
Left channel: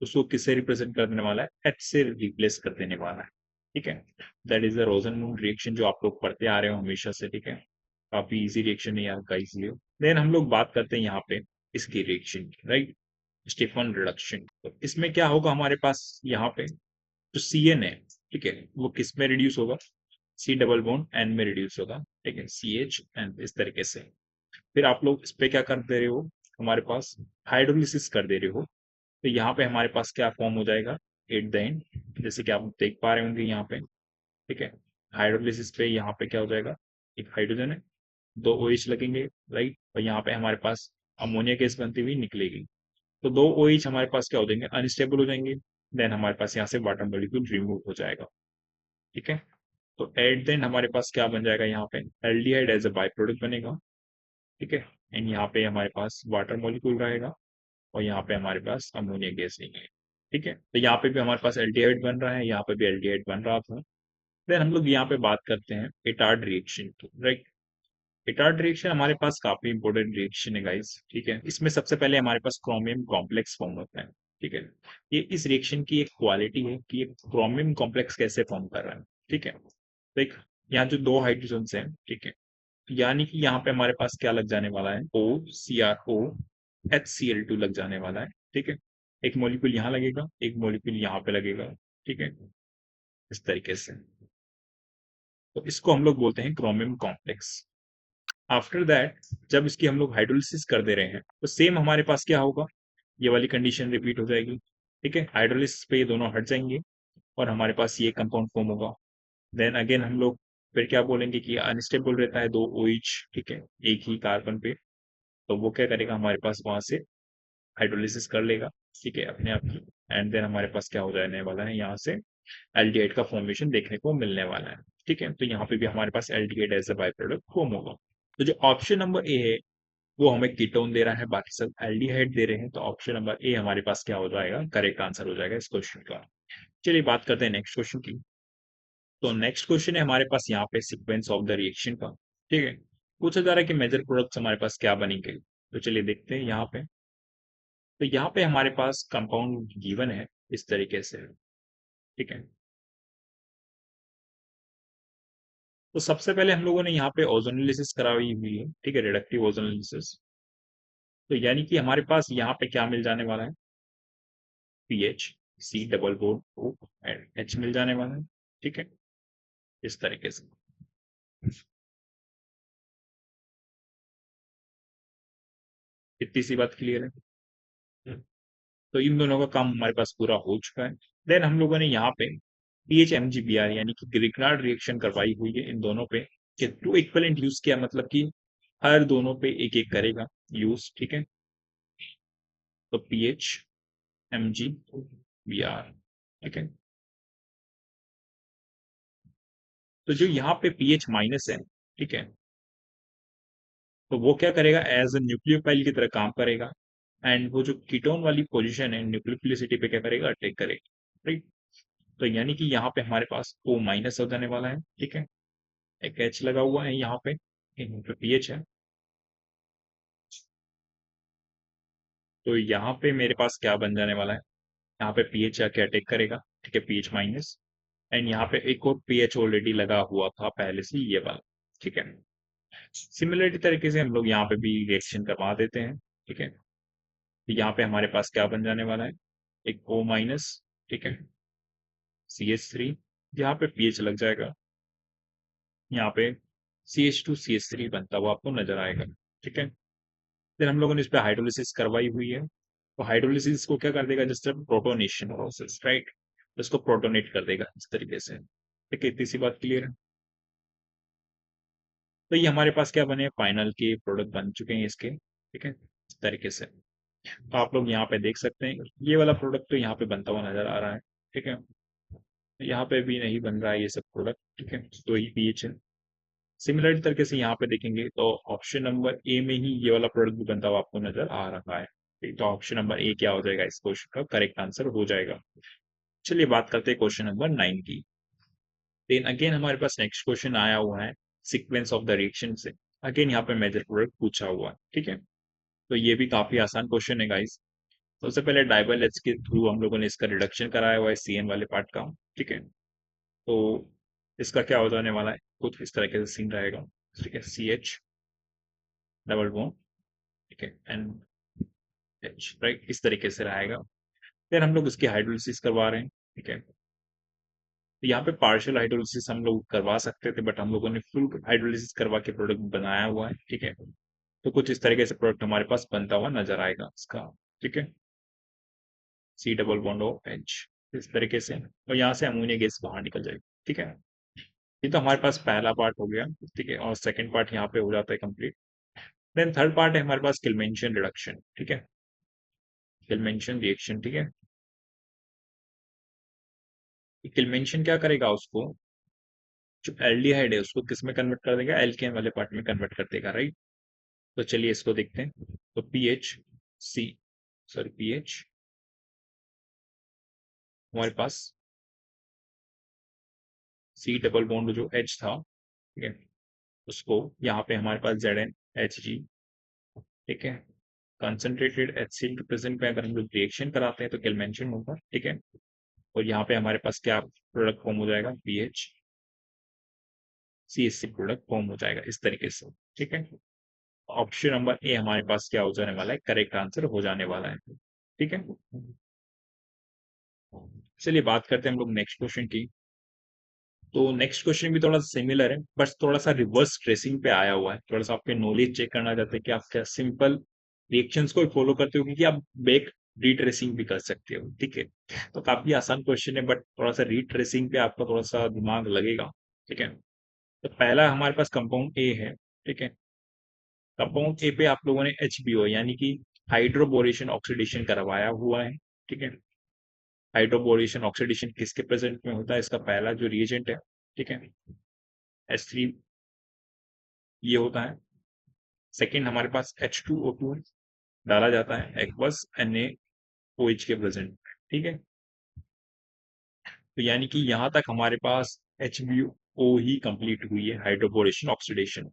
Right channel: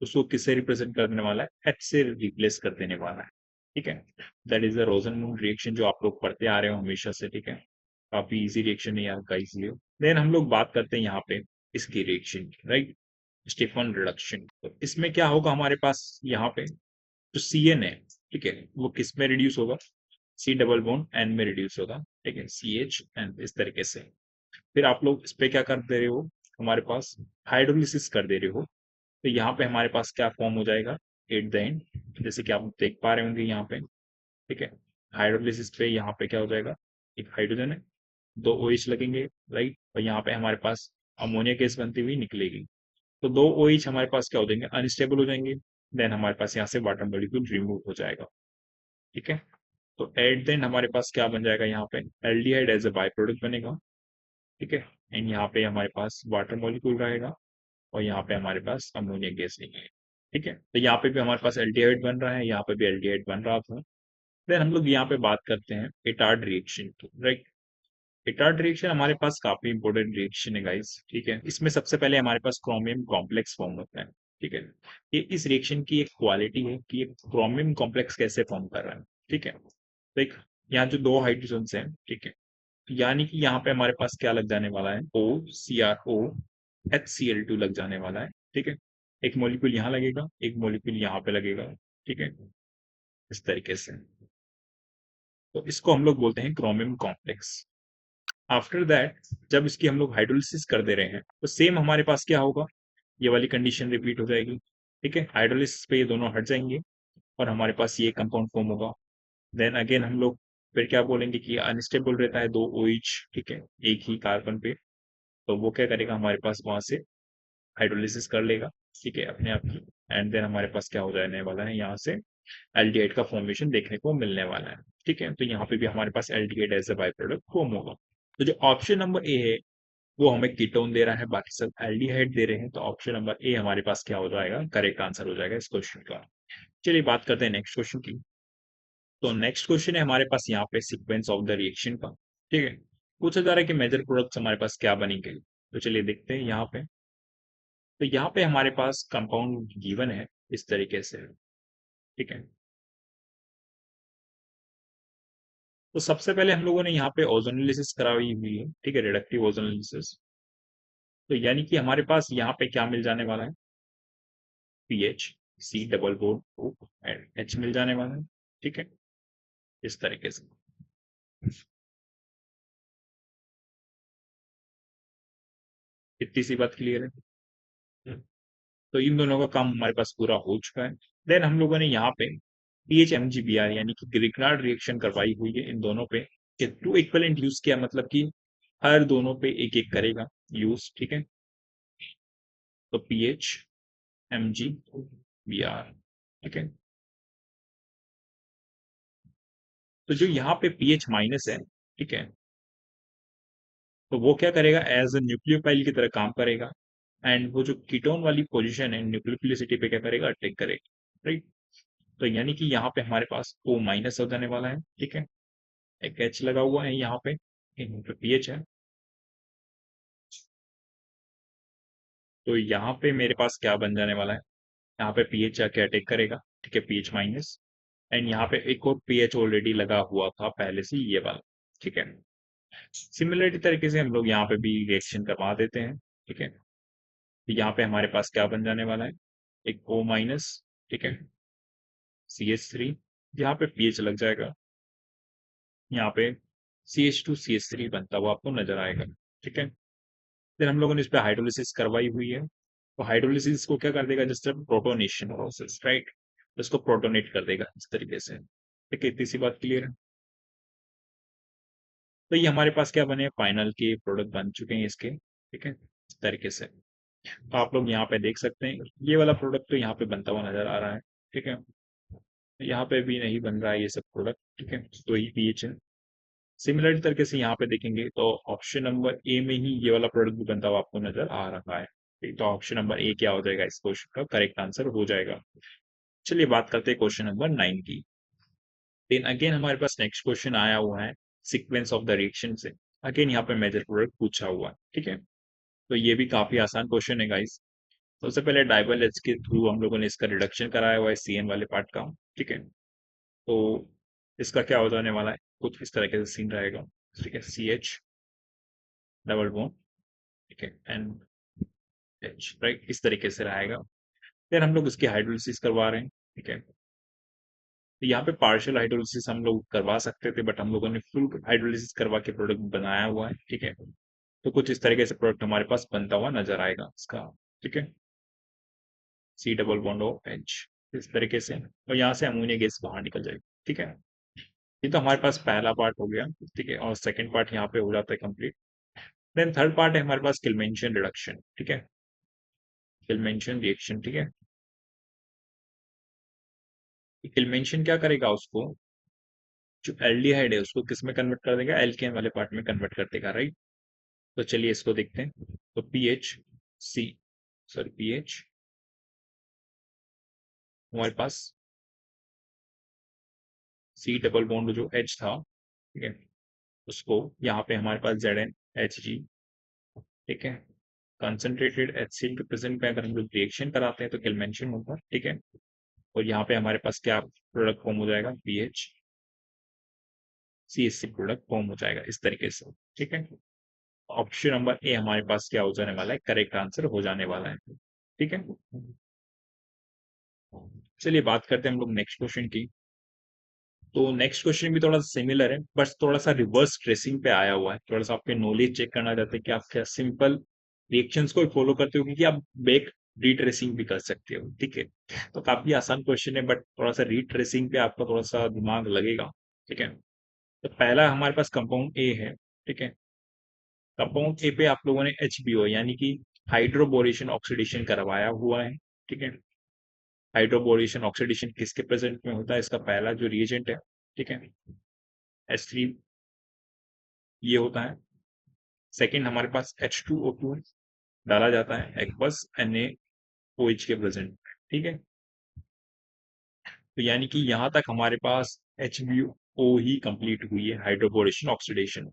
उसको किससे रिप्रेजेंट करने वाला है, H से रिप्लेस कर देने वाला है। ठीक है, दैट इज द रोजनमून रिएक्शन जो आप लोग पढ़ते आ रहे हो हमेशा से। ठीक है, काफी इजी रिएक्शन है यार का, इसलिए। देन हम लोग बात करते हैं यहाँ पे इसकी रिएक्शन की, राइट, स्टीफन रिडक्शन। तो इसमें क्या होगा हमारे पास यहाँ पे जो CN है, ठीक है, वो किस में रिड्यूस होगा, C डबल बॉन्ड N में रिड्यूस होगा। ठीक है, CH इस तरीके से। फिर आप लोग इसमें क्या कर दे रहे हो, हमारे पास हाइड्रोलिसिस कर दे रहे हो। तो यहाँ पे हमारे पास क्या फॉर्म हो जाएगा एट द एंड, जैसे कि आप देख पा रहे होंगे यहाँ पे। ठीक है, हाइड्रोलिसिस पे यहाँ पे क्या हो जाएगा, एक हाइड्रोजन है, 2 OH लगेंगे, राइट, और यहाँ पे हमारे पास अमोनिया गैस बनती हुई निकलेगी। तो 2 OH हमारे पास क्या हो जाएंगे, अनस्टेबल हो जाएंगे। देन हमारे पास यहाँ से वाटर मॉलिक्यूल रिमूव हो जाएगा। ठीक है, तो एट देन हमारे पास क्या बन जाएगा, यहाँ पे aldehyde as a by product बनेगा। ठीक है, एंड यहाँ पे हमारे पास वाटर मॉलिक्यूल रहेगा और यहाँ पे हमारे पास अमोनिया गैस नहीं है। ठीक है, तो यहाँ पे भी हमारे पास एल्डिहाइड बन रहा है, यहाँ पे भी एल्डिहाइड बन रहा था। देन हम लोग यहाँ पे बात करते हैं इटार्ड रिएक्शन की, राइट। इटार्ड रिएक्शन हमारे पास काफी इंपॉर्टेंट रिएक्शन है गाइस। ठीक है, इसमें सबसे पहले हमारे पास क्रोमियम कॉम्प्लेक्स फॉर्म होता है। ठीक है, ये इस रिएक्शन की एक क्वालिटी है कि ये क्रोमियम कॉम्प्लेक्स कैसे फॉर्म कर रहा है। ठीक है, देख यहाँ जो 2 हाइड्रोजन हैं, ठीक है, यानी कि यहाँ पे हमारे पास क्या लग जाने वाला है, O CrO HCl2 लग जाने वाला है। ठीक है, एक मॉलिक्यूल यहाँ लगेगा, एक मॉलिक्यूल यहाँ पे लगेगा। ठीक है, इस तरीके से। तो इसको हम लोग बोलते हैं क्रोमियम कॉम्प्लेक्स। आफ्टर दैट जब इसकी हम लोग हाइड्रोलिसिस कर दे रहे हैं तो सेम हमारे पास क्या होगा, ये वाली कंडीशन रिपीट हो जाएगी। ठीक है, हाइड्रोलिसिस पे ये दोनों हट जाएंगे और हमारे पास ये कंपाउंड फॉर्म होगा। देन अगेन हम लोग फिर क्या बोलेंगे कि अनस्टेबल रहता है दो OH, ठीक है, एक ही कार्बन पे। तो वो क्या करेगा, हमारे पास वहां से हाइड्रोलिसिस कर लेगा, ठीक है, अपने आप की। एंड देन हमारे पास क्या हो जाने वाला है, यहाँ से एल्डिहाइड का फॉर्मेशन देखने को मिलने वाला है। ठीक है, तो यहाँ पे भी हमारे पास aldehyde as a by product form होगा। तो जो ऑप्शन नंबर ए है वो हमें कीटोन दे रहा है, बाकी सब एल्डिहाइड दे रहे हैं, तो ऑप्शन नंबर ए हमारे पास क्या हो जाएगा, करेक्ट आंसर हो जाएगा इस क्वेश्चन का। चलिए बात करते हैं नेक्स्ट क्वेश्चन की। तो नेक्स्ट क्वेश्चन है हमारे पास यहाँ पे सीक्वेंस ऑफ द रिएक्शन का। ठीक है, पूछा जा रहा है कि मेजर प्रोडक्ट्स हमारे पास क्या बनेंगे। तो चलिए देखते हैं यहाँ पे। तो यहाँ पे हमारे पास कंपाउंड गिवन है इस तरीके से। ठीक है, तो सबसे पहले हम लोगों ने यहाँ पे ओजोनोलिसिस कराई हुई है। ठीक है, रिडक्टिव ओजोनोलिसिस। तो यानी कि हमारे पास यहाँ पे क्या मिल जाने वाला है, PH, C double bond and H मिल जाने वाला है। ठीक है, इस तरीके से। इतनी सी बात क्लियर है। तो इन दोनों का काम हमारे पास पूरा हो चुका है। देन हम लोगों ने यहाँ पे PHMGBr यानी कि ग्रिग्नार्ड रिएक्शन करवाई हुई है इन दोनों पे। ये टू इक्विवेलेंट यूज किया, मतलब कि हर दोनों पे एक एक करेगा यूज। ठीक है, तो PHMGBr। ठीक है, तो जो यहाँ पे पीएच माइनस है, ठीक है, तो वो क्या करेगा, एज ए न्यूक्लियोफाइल की तरह काम करेगा। एंड वो जो कीटोन वाली पोजीशन है न्यूक्लियोफिलिसिटी पे क्या करेगा, अटैक करेगा। राइट, तो यानी कि यहाँ पे हमारे पास O माइनस हो जाने वाला है। ठीक है, एक H लगा हुआ है यहाँ पे, यहाँ पे पीएच है। तो यहाँ पे मेरे पास क्या बन जाने वाला है, यहाँ पे पीएच आके अटैक करेगा। ठीक है, पीएच माइनस। एंड यहाँ पे एक और पीएच ऑलरेडी लगा हुआ था पहले से, ये वाला। ठीक है, सिमिलर तरीके से हम लोग यहाँ पे भी रिएक्शन करवा देते हैं। ठीक है, यहाँ पे हमारे पास क्या बन जाने वाला है, एक O माइनस। ठीक है, CH3, यहाँ पे पीएच लग जाएगा, यहाँ पे CH2CH3 बनता हुआ आपको नजर आएगा। ठीक है, फिर हम लोगों ने इस पे हाइड्रोलिसिस करवाई हुई है। तो हाइड्रोलिसिस को क्या कर देगा, जस्ट प्रोटोनेशन प्रोसेस, राइट, इसको प्रोटोनेट कर देगा इस तरीके से। ठीक है, इतनी सी बात क्लियर है। तो ये हमारे पास क्या बने, फाइनल की प्रोडक्ट बन चुके हैं इसके। ठीक है, इस तरीके से आप लोग यहाँ पे देख सकते हैं, ये वाला प्रोडक्ट तो यहाँ पे बनता हुआ नजर आ रहा है। ठीक है, यहाँ पे भी नहीं बन रहा है ये सब प्रोडक्ट। ठीक है, तो ये पीएच है। सिमिलर तरीके से यहाँ पे देखेंगे तो ऑप्शन नंबर ए में ही ये वाला प्रोडक्ट भी बनता हुआ आपको नजर आ रहा है। ठीक, तो ऑप्शन नंबर ए क्या हो जाएगा, इस क्वेश्चन का करेक्ट आंसर हो जाएगा। चलिए बात करते हैं क्वेश्चन नंबर 9 की। देन अगेन हमारे पास नेक्स्ट क्वेश्चन आया हुआ है सीक्वेंस ऑफ द रिएक्शन से। अगेन यहाँ पे मेजर प्रोडक्ट पूछा हुआ है। ठीक है, तो ये भी काफी आसान क्वेश्चन है गाइस। तो सबसे पहले डाइबल एच के थ्रू हम लोगों ने इसका रिडक्शन कराया हुआ है CN वाले पार्ट का। ठीक है, तो इसका क्या हो जाने वाला है, कुछ इस तरह से सीन रहेगा। ठीक है, CH डबल बॉन्ड, ठीक है, एंड H, राइट, इस तरीके से रहेगा। फिर हम लोग इसकी हाइड्रोलिसिस करवा रहे हैं। ठीक है, तो यहाँ पे पार्शियल हाइड्रोलिसिस हम लोग करवा सकते थे, बट हम लोगों ने फुल हाइड्रोलिसिस करवा के प्रोडक्ट बनाया हुआ है। ठीक है, तो कुछ इस तरीके से प्रोडक्ट हमारे पास बनता हुआ नजर आएगा इसका। ठीक है, C double bond O H, इस तरीके से, और यहाँ से अमोनिया गैस बाहर निकल जाएगी। ठीक है, ये तो हमारे पास पहला पार्ट हो गया। ठीक है, और सेकंड पार्ट यहाँ पे हो जाता है कंप्लीट। देन थर्ड पार्ट है हमारे पास किल्मेंशन रिडक्शन। ठीक है, किल्मेंशन रिएक्शन। ठीक है, किल्मेंशन क्या करेगा, उसको जो एल्डिहाइड है उसको किस में कन्वर्ट कर देगा, एल्केन वाले पार्ट में कन्वर्ट कर देगा। राइट, तो चलिए इसको देखते हैं। तो पीएच सी, सॉरी पीएच हमारे पास सी डबल बॉन्ड जो एच था, ठीक है, उसको यहाँ पे हमारे पास ZnHg। ठीक है, कंसंट्रेटेड HCl के प्रेजेंट में अगर हम लोग रिएक्शन कराते हैं तो किल्मेंशन होगा। ठीक है, और यहाँ पे हमारे पास क्या प्रोडक्ट फॉर्म हो जाएगा, PH CH3 प्रोडक्ट फॉर्म हो जाएगा इस तरीके से। ठीक है, ऑप्शन नंबर ए हमारे पास क्या हो जाने वाला है, करेक्ट आंसर हो जाने वाला है। ठीक है, चलिए बात करते हैं हम लोग नेक्स्ट क्वेश्चन की। तो नेक्स्ट क्वेश्चन भी थोड़ा सिमिलर है, बस थोड़ा सा रिवर्स ट्रेसिंग पे आया हुआ है। थोड़ा सा आपके नॉलेज चेक करना चाहते हैं कि आप क्या सिंपल रिएक्शंस को फॉलो करते हो, क्योंकि आप बैक रीट्रेसिंग भी कर सकते हो। ठीक है, तो काफी आसान क्वेश्चन है, बट थोड़ा सा रीट्रेसिंग पे आपका थोड़ा सा दिमाग लगेगा। ठीक है, तो पहला हमारे पास कंपाउंड ए है। ठीक है, कंपाउंड ए पे आप लोगों ने HBO यानी कि हाइड्रोबोरेशन ऑक्सीडेशन करवाया हुआ है। ठीक है, हाइड्रोबोरेशन ऑक्सीडेशन किसके प्रेजेंट में होता है, इसका पहला जो रिएजेंट है, ठीक है, H3 ये होता है। सेकंड हमारे पास H2O2 डाला जाता है एक्वस NaOH के प्रेजेंट में। ठीक है, तो यानी कि यहां तक हमारे पास HBO ही कंप्लीट हुई है, हाइड्रोबोरेशन ऑक्सीडेशन।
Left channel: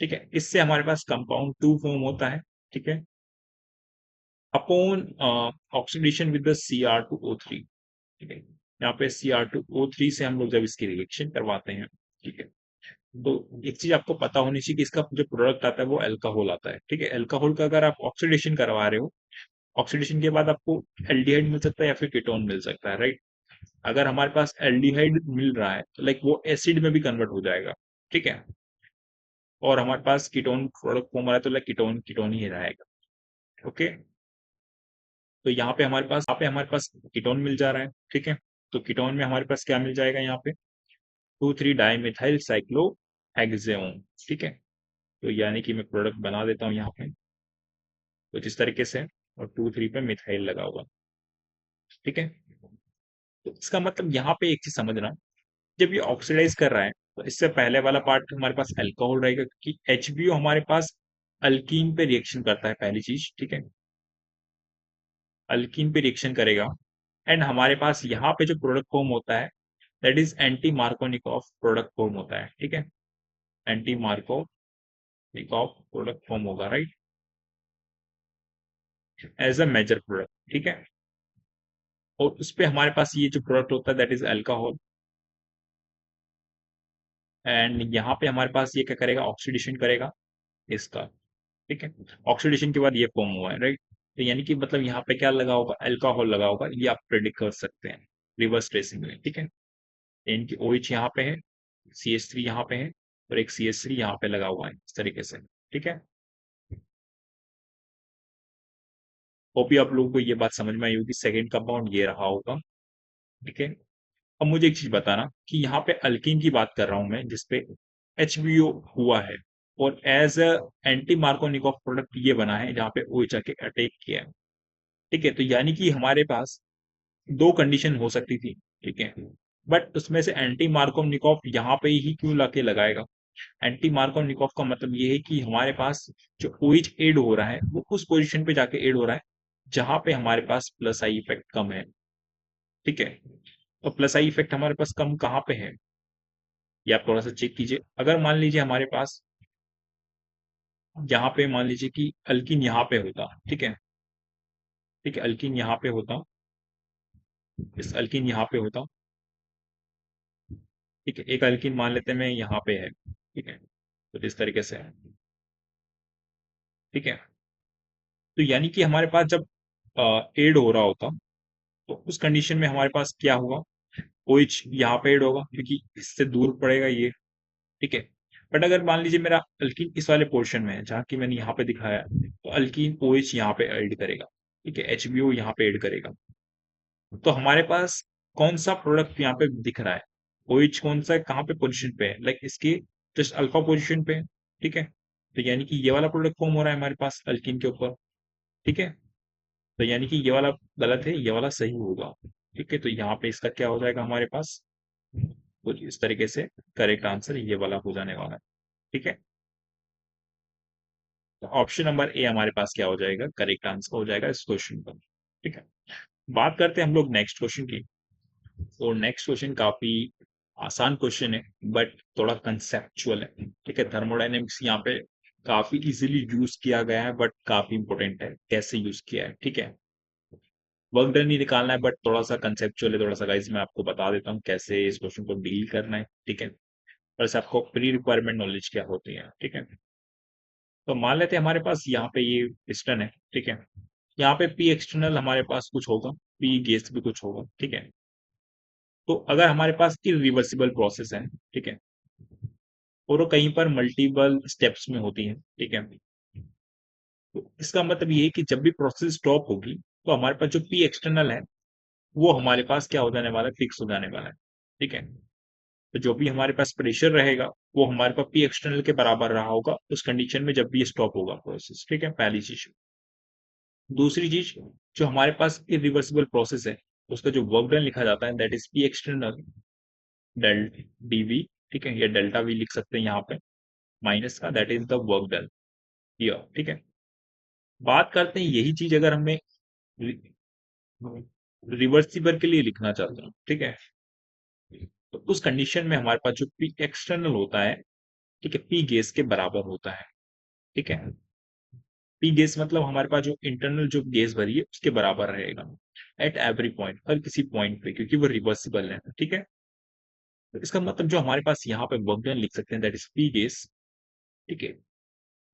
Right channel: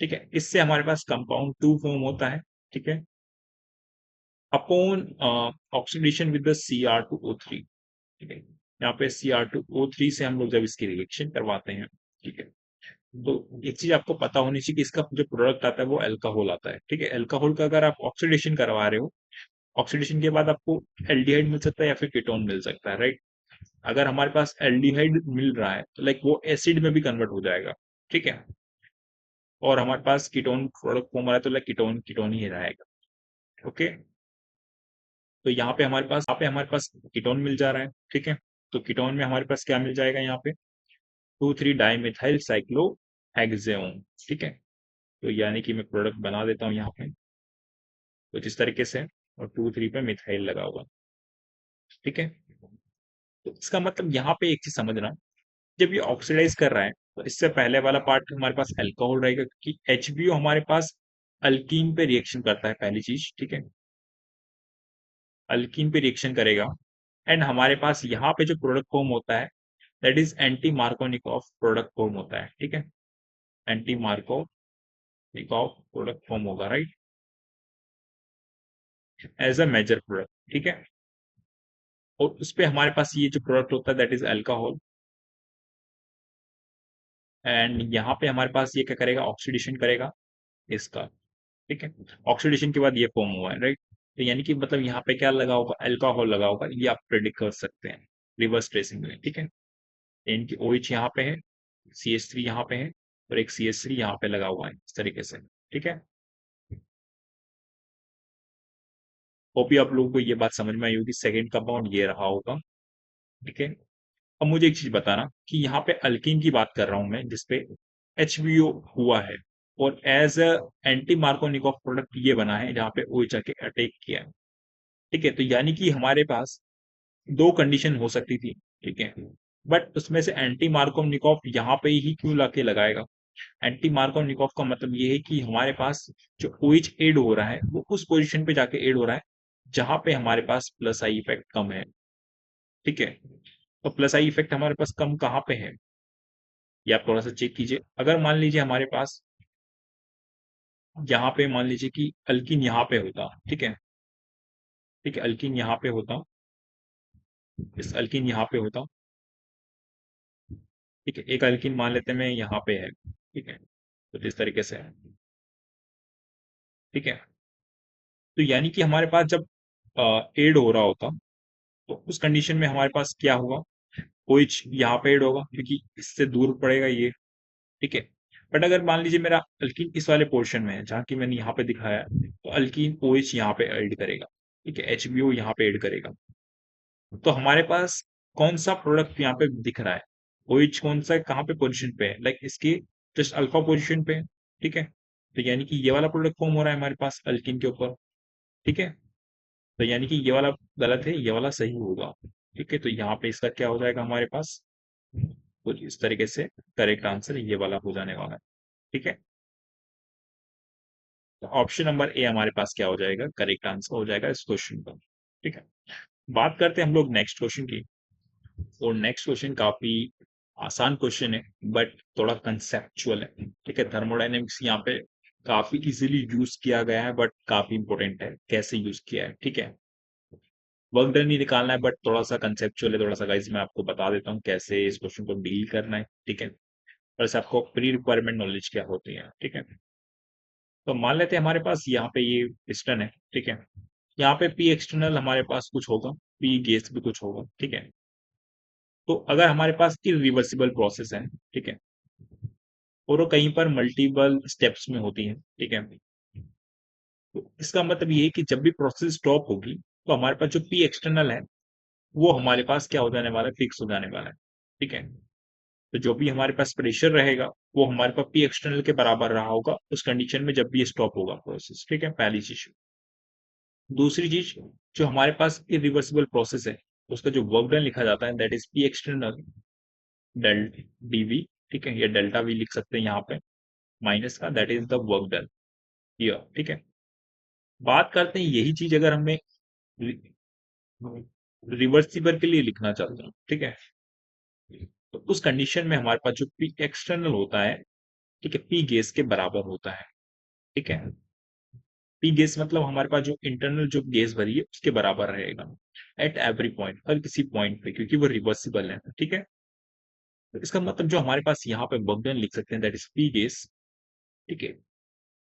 ठीक है, इससे हमारे पास कंपाउंड 2 फॉर्म होता है। ठीक है, upon oxidation with the Cr2O3। ठीक है, यहाँ पे Cr2O3 से हम लोग जब इसकी रिएक्शन करवाते हैं, ठीक है, तो एक चीज आपको पता होनी चाहिए कि इसका जो प्रोडक्ट आता है वो अल्कोहल आता है। ठीक है, अल्कोहल का अगर आप ऑक्सीडेशन करवा रहे हो, ऑक्सीडेशन के बाद आपको एल्डिहाइड मिल सकता है या फिर कीटोन मिल सकता है, राइट। अगर हमारे पास एल्डिहाइड मिल रहा है तो लाइक वो एसिड में भी कन्वर्ट हो जाएगा। ठीक है, और हमारे पास कीटोन प्रोडक्ट फॉर्म आ रहा है तो लाइक कीटोन कीटोन ही रहेगा। ओके, तो यहाँ पे हमारे पास कीटोन मिल जा रहा है। ठीक है, तो कीटोन में हमारे पास क्या मिल जाएगा, यहाँ पे 2,3 डाइमिथाइल साइक्लोहेक्सेन। ठीक है, तो यानी कि मैं प्रोडक्ट बना देता हूँ यहाँ पे कुछ इस तरीके से, और 2,3 पे मिथाइल लगा हुआ। ठीक है, तो इसका मतलब यहाँ पे एक चीज समझना, जब ये ऑक्सीडाइज कर रहा है तो इससे पहले वाला पार्ट हमारे पास अल्कोहल रहेगा, क्योंकि HBO हमारे पास अल्कीन पे रिएक्शन करता है, पहली चीज। ठीक है, अल्कीन पे रिएक्शन करेगा, एंड हमारे पास यहाँ पे जो प्रोडक्ट फॉर्म होता है that is anti Markovnikov product form होता है। ठीक है, एंटी मार्कोनिकॉफ प्रोडक्ट फॉर्म होगा, right, as a major product. ठीक है, और उस पे हमारे पास ये जो प्रोडक्ट होता है दैट इज अल्कोहल, एंड यहाँ पे हमारे पास ये क्या करेगा, ऑक्सीडेशन करेगा इसका। ठीक है, ऑक्सीडेशन के बाद ये फॉर्म हुआ है, राइट। तो यानी कि मतलब यहाँ पे क्या लगा होगा, अल्कोहल लगा होगा, ये आप प्रेडिक्ट कर सकते हैं रिवर्स ट्रेसिंग में। ठीक है, इनकी OH यहाँ पे है, CH3 यहाँ पे है, और एक CH3 यहाँ पे लगा हुआ है इस तरीके से। ठीक है, वो भी आप लोगों को ये बात समझ में आई होगी, सेकंड कंपाउंड ये रहा होगा। ठीक है, अब मुझे एक चीज बताना कि यहाँ पे अल्कीन की बात कर रहा हूं मैं, जिसपे HBO हुआ है, और as a anti Markovnikov product ये बना है जहाँ पे OH आके अटैक किया है। ठीक है, तो यानी कि हमारे पास दो कंडीशन हो सकती थी। ठीक है, बट उसमें से एंटी मार्कोनिकॉफ यहाँ पे ही क्यों लाके लगाएगा, एंटी मार्कोनिकॉफ का मतलब ये है कि हमारे पास जो OH एड हो रहा है वो उस पोजीशन पे जाके एड हो रहा है जहां पे हमारे पास प्लस आई इफेक्ट कम है। ठीक है, तो प्लस आई इफेक्ट हमारे पास कम कहाँ पे है, ये आप थोड़ा सा चेक कीजिए। अगर मान लीजिए हमारे पास यहाँ पे मान लीजिए कि अल्किन यहाँ पे होता। ठीक है, ठीक है, अल्किन यहाँ पे होता, इस अल्किन यहाँ पे होता। ठीक है, एक अल्किन मान लेते हैं मैं यहाँ पे है। ठीक है, तो इस तरीके से है। ठीक है, तो यानी कि हमारे पास जब एड हो रहा होता तो उस कंडीशन में हमारे पास क्या होगा, OH यहाँ पे एड होगा क्योंकि इससे दूर पड़ेगा ये। ठीक है, बट अगर मान लीजिए मेरा अल्कीन इस वाले पोर्शन में है जहाँ की मैंने यहाँ पे दिखाया है, तो अल्कीन OH यहाँ पे ऐड करेगा। ठीक है, HBO यहाँ पे ऐड करेगा, तो हमारे पास कौन सा प्रोडक्ट यहाँ पे दिख रहा है, OH कौन सा कहाँ पे पोजीशन पे है, लाइक इसके जस्ट अल्फा पोजीशन पे है। ठीक है, तो यानी कि ये वाला प्रोडक्ट फॉर्म हो रहा है हमारे पास अल्कीन के ऊपर। ठीक है, तो यानी कि ये वाला गलत है, ये वाला सही होगा। ठीक है, तो यहाँ पे इसका क्या हो जाएगा हमारे पास, तो इस तरीके से करेक्ट आंसर ये वाला हो जाने वाला है। ठीक है, तो ऑप्शन नंबर ए हमारे पास क्या हो जाएगा, करेक्ट आंसर हो जाएगा इस क्वेश्चन का। ठीक है, बात करते हैं हम लोग नेक्स्ट क्वेश्चन की। तो नेक्स्ट क्वेश्चन काफी आसान क्वेश्चन है, बट थोड़ा कंसेप्चुअल है। ठीक है, थर्मोडायनेमिक्स यहाँ पे काफी इजीली यूज किया गया है, बट काफी इंपॉर्टेंट है कैसे यूज किया है। ठीक है, वर्क डन ही निकालना है, बट थोड़ा सा कंसेप्चुअल है, थोड़ा सा गाइस मैं आपको बता देता हूँ कैसे इस क्वेश्चन को डील करना है। ठीक है, बस आपको प्री रिक्वायरमेंट नॉलेज क्या होती है। ठीक है, तो मान लेते हैं हमारे पास यहाँ पे ये पिस्टन है, ठीक है। यहाँ पे पी एक्सटर्नल हमारे पास कुछ होगा, पी गैस भी कुछ होगा, ठीक है। तो अगर हमारे पास इरिवर्सिबल प्रोसेस है, ठीक है, और वो कहीं पर मल्टीपल स्टेप्स में होती है, ठीक है, तो इसका मतलब ये है कि जब भी प्रोसेस स्टॉप होगी तो हमारे पास जो पी एक्सटर्नल है वो हमारे पास क्या हो जाने वाला है, फिक्स हो जाने वाला है, ठीक है। तो जो भी हमारे पास प्रेशर रहेगा वो हमारे पास पी एक्सटर्नल के बराबर रहा होगा उस कंडीशन में जब भी स्टॉप होगा प्रोसेस, ठीक है, पहली चीज। दूसरी चीज, जो हमारे पास इरिवर्सिबल प्रोसेस है उसका जो वर्क डन लिखा जाता है that is P external del DV, ठीक है, ये डेल्टा वी लिख सकते हैं यहाँ पे, माइनस का that is the work done here, ठीक है। बात करते हैं यही चीज अगर हमें रिवर्सिबल के लिए लिखना चाहते हैं, ठीक है, तो उस कंडीशन में हमारे पास जो पी एक्सटर्नल होता है, ठीक है, पी गैस के बराबर होता है, ठीक है। पी गैस मतलब हमारे पास जो इंटरनल जो गैस भरी है उसके बराबर रहेगा एट एवरी पॉइंट, हर किसी पॉइंट पे, क्योंकि वो रिवर्सिबल है, ठीक है। तो इसका मतलब जो हमारे पास यहाँ पे वर्क डन लिख सकते हैं दैट इज पी गैस, ठीक है।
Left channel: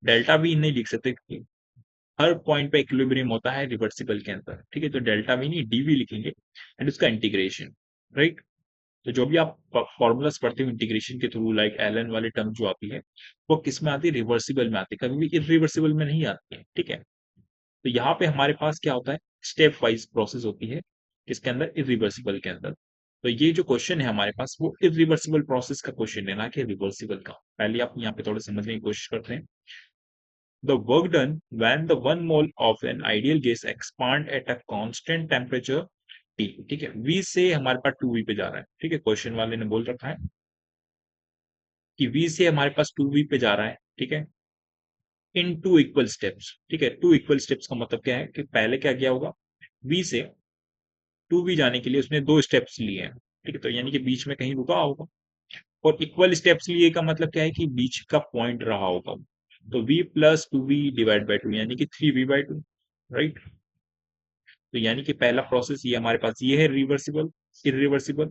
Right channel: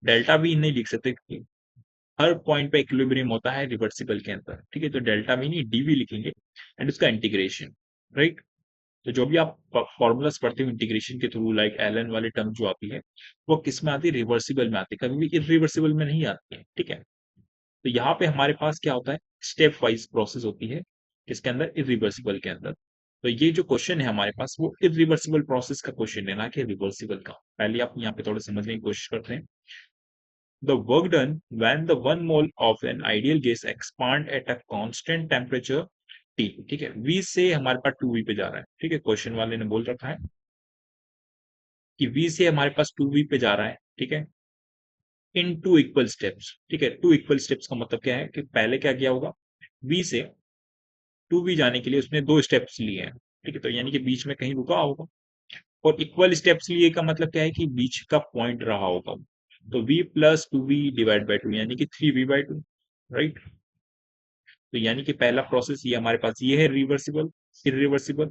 डेल्टा भी नहीं लिख सकते क्योंकि हर पॉइंट पे इक्विलिब्रियम होता है रिवर्सिबल के अंदर, ठीक है, तो डेल्टा भी नहीं डीवी लिखेंगे एंड उसका इंटीग्रेशन, राइट। तो जो भी आप फॉर्मूलाज पढ़ते हो इंटीग्रेशन के थ्रू, लाइक एलन वाली टर्म जो आती है वो किस में आती है, रिवर्सिबल में आती है, कभी भी इरिवर्सिबल में नहीं आती है, ठीक है। तो यहाँ पे हमारे पास क्या होता है, स्टेप वाइज प्रोसेस होती है इसके अंदर, इरिवर्सिबल के अंदर। तो ये जो क्वेश्चन है हमारे पास वो इरिवर्सिबल प्रोसेस का क्वेश्चन है, ना कि रिवर्सिबल का। पहले आप यहाँ पे थोड़ा समझने की कोशिश करते हैं। The work done when the 1 mole of an ideal gas expand at a constant temperature T, ठीक है, V से हमारे पास 2V पे जा रहा है, ठीक है, क्वेश्चन वाले ने बोल रखा है कि V से हमारे पास 2V पे जा रहा है, ठीक है, इन टू इक्वल स्टेप्स, ठीक है। टू इक्वल स्टेप्स का मतलब क्या है कि पहले क्या किया होगा, V से 2V जाने के लिए उसने 2 स्टेप्स लिए हैं, ठीक है, तो यानी कि बीच में कहीं रुका होगा। और इक्वल स्टेप्स लिए का मतलब क्या है कि बीच का पॉइंट रहा होगा, तो V plus 2V divide by 2 यानी कि 3V/2, राइट। तो यानी कि पहला प्रोसेस ये हमारे पास ये है रिवर्सिबल, इरिवर्सिबल,